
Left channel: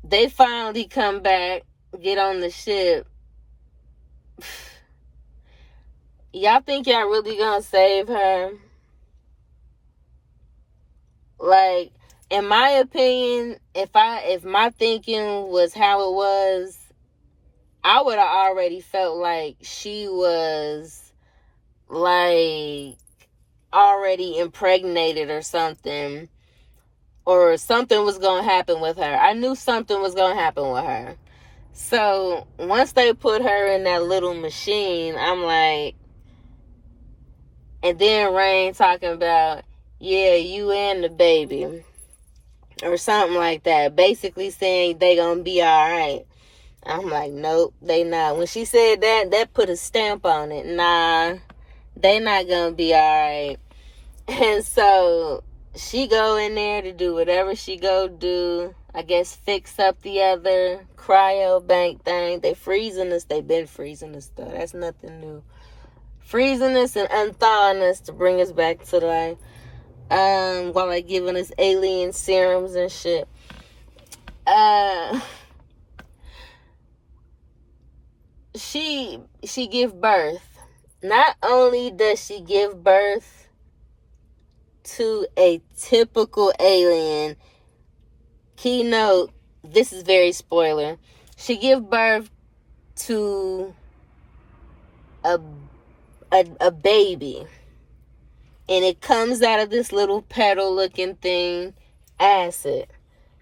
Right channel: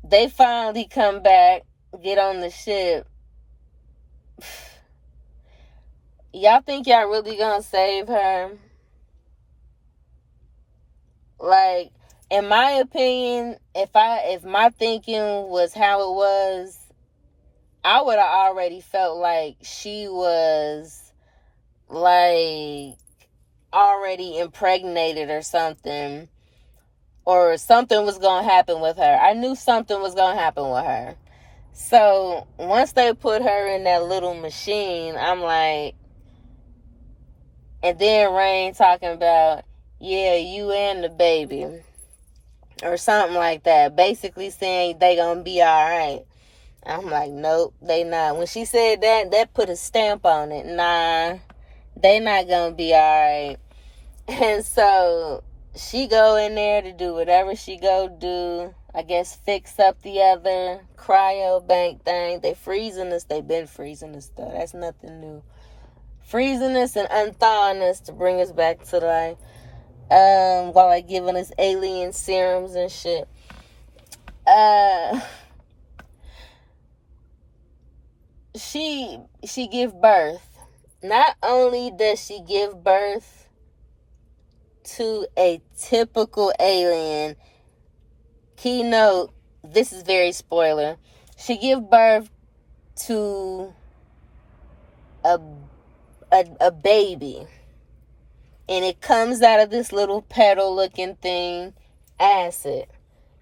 They finally come back, get on the ship. Y'all think y'all really going to save her? Like, in my opinion, if my thinking was how it was, I would have already felt like she was, like, already impregnated or something was going to happen with her. I knew something was going to happen with her. So, once they put her in that little machine, I'm like, and then Rain talking about, yeah, you and the baby, or something like that, basically saying they gonna be all right. I'm like, nope, they not. When she said that put a stamp on it. Nah, they not gonna be all right. And so she go in there to do whatever she go do. I guess fix up the other cryo bank thing. They freezing us. They been freezing us though. That's nothing new. Freezing us and unthawing us to bring us back to life. While like giving us alien serums and shit. She give birth. not only does she give birth to a typical alien, keynote, this is very spoiler, she give birth to a baby, and it comes out of this little petal looking thing, acid.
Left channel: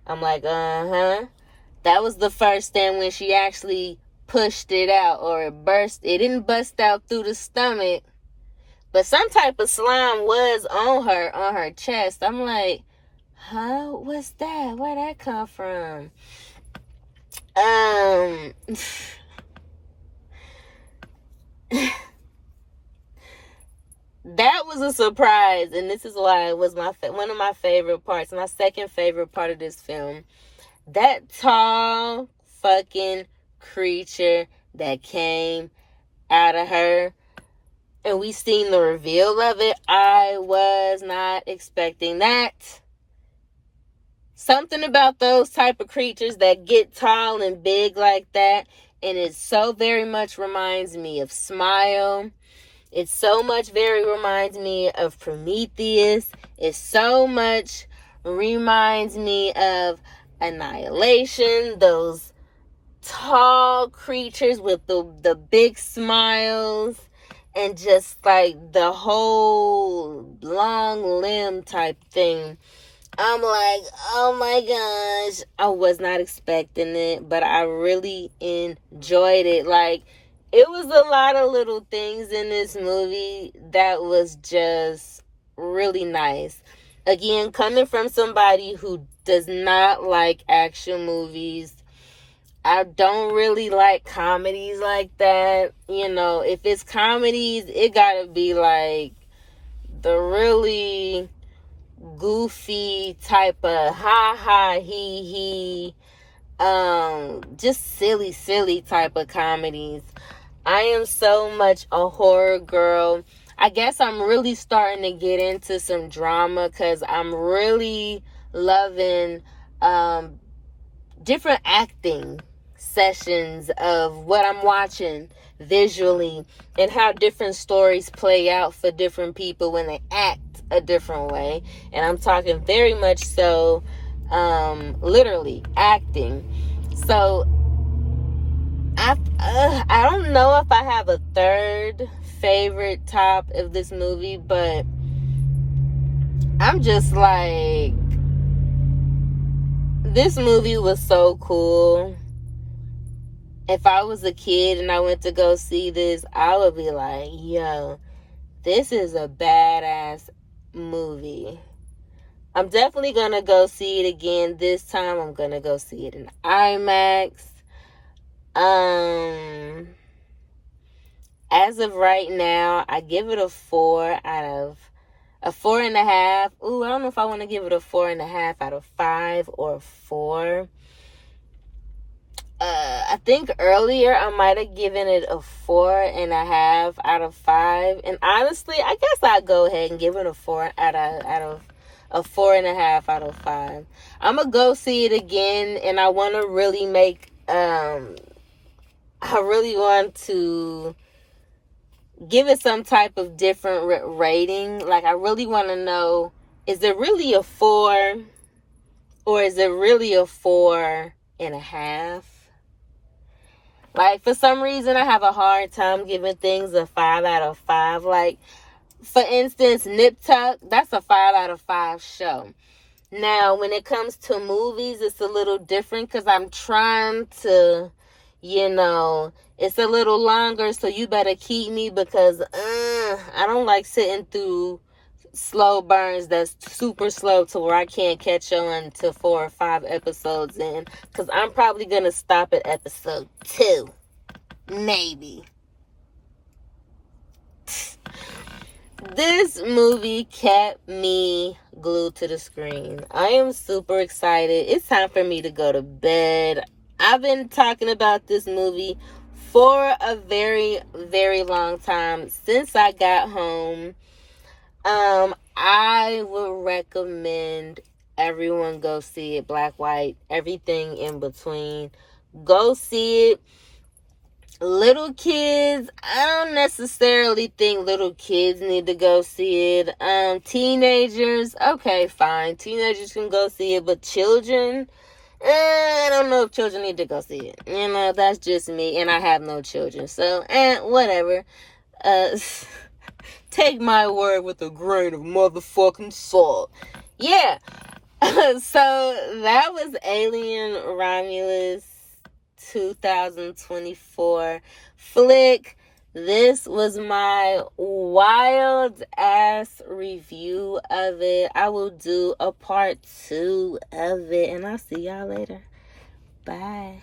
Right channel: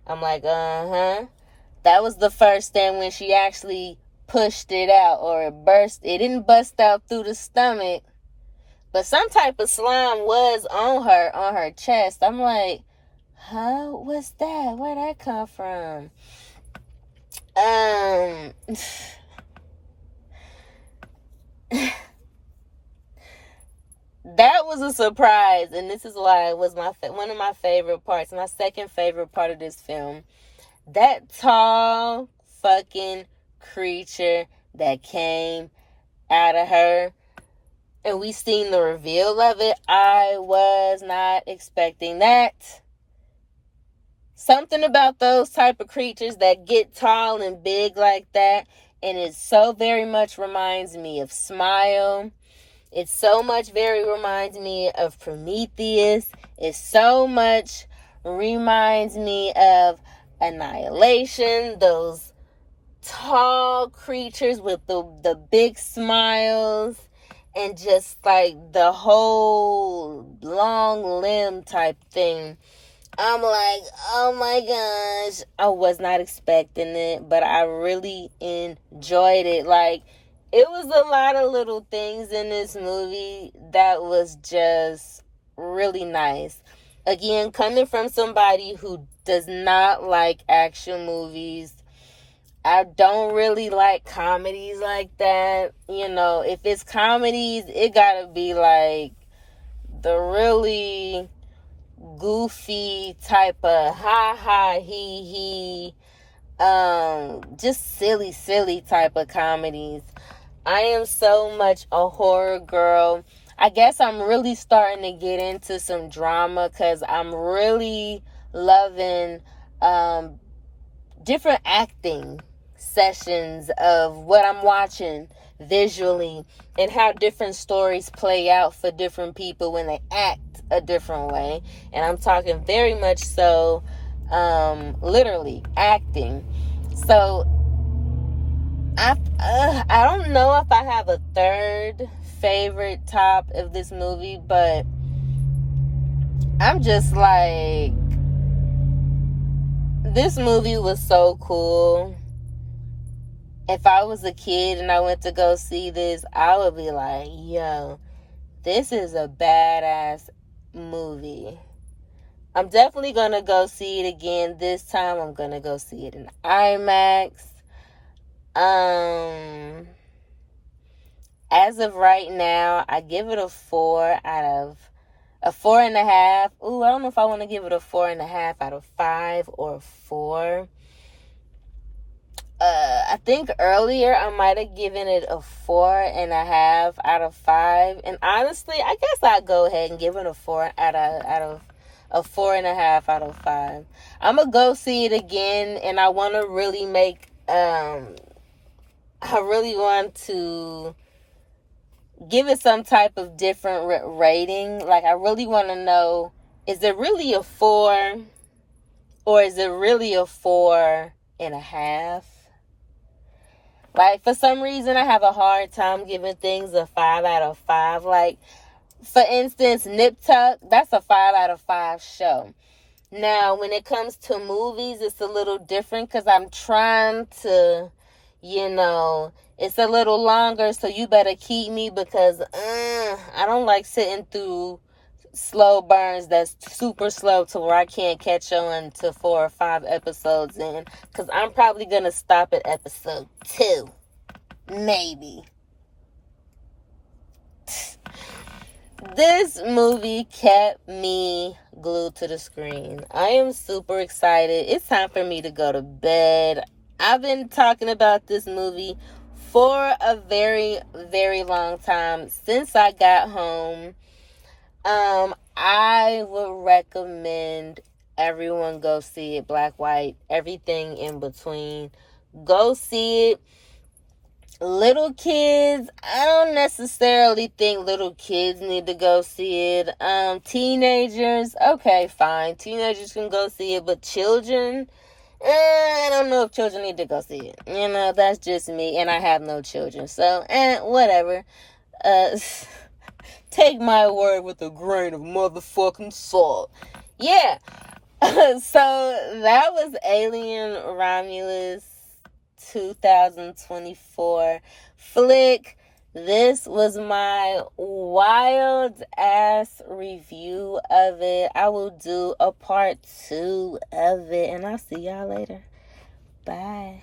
I'm like, that was the first time when she actually pushed it out, or it didn't bust out through the stomach, but some type of slime was on her chest. I'm like, what's that? Where'd that come from? That was a surprise, and this is why it was one of my favorite parts. My second favorite part of this film. That tall fucking creature that came out of her, and we seen the reveal of it. I was not expecting that. Something about those type of creatures that get tall and big like that, and it so very much reminds me of Smile. It so much very reminds me of Prometheus. It so much reminds me of Annihilation. Those tall creatures with the big smiles and just like the whole long limb type thing. I'm like, oh my gosh, I was not expecting it, but I really enjoyed it. Like, it was a lot of little things in this movie that was just really nice. Again, coming from somebody who does not like action movies, I don't really like comedies like that. You know, if it's comedies, it gotta be like the really goofy type of ha ha he just silly type of comedies. I am so much a horror girl. I guess I'm really starting to get into some drama because I'm really loving different acting sessions of what I'm watching visually and how different stories play out for different people when they act a different way. And I'm talking very much so literally acting. So I don't know if I have a third favorite top of this movie, but I'm just like, this movie was so cool. If I was a kid and I went to go see this, I would be like, yo, this is a badass movie. I'm definitely going to go see it again. This time I'm going to go see it in IMAX. As of right now, I give it a 4 out of a 4.5. Ooh, I don't know if I want to give it a 4.5 out of 5 or 4. I think earlier I might have given it a 4.5 out of 5. And honestly, I guess I'll go ahead and give it a 4 out of a 4.5 out of 5. I'm gonna go see it again, and I want to really make I really want to give it some type of different rating. Like, I really want to know, is it really a 4 or is it really a 4.5? Like, for some reason, I have a hard time giving things a 5 out of 5. Like, for instance, Nip Tuck, that's a 5 out of 5 show. Now, when it comes to movies, it's a little different because I'm trying to, it's a little longer, so you better keep me because I don't like sitting through slow burns that's super slow to where I can't catch on to 4 or 5 episodes in, because I'm probably going to stop at episode 2. Maybe. This movie kept me glued to the screen. I am super excited. It's time for me to go to bed. I've been talking about this movie for a very, very long time. Since I got home, I would recommend everyone go see it. Black, white, everything in between. Go see it. Little kids, I don't necessarily think little kids need to go see it. Teenagers, okay, fine. Teenagers can go see it, but children, I don't know if children need to go see it. You know, that's just me, and I have no children. So, whatever. Take my word with a grain of motherfucking salt. Yeah. So, that was Alien Romulus 2024 flick. This was my wild ass review of it. I will do a part 2 of it, and I'll see y'all later. Bye.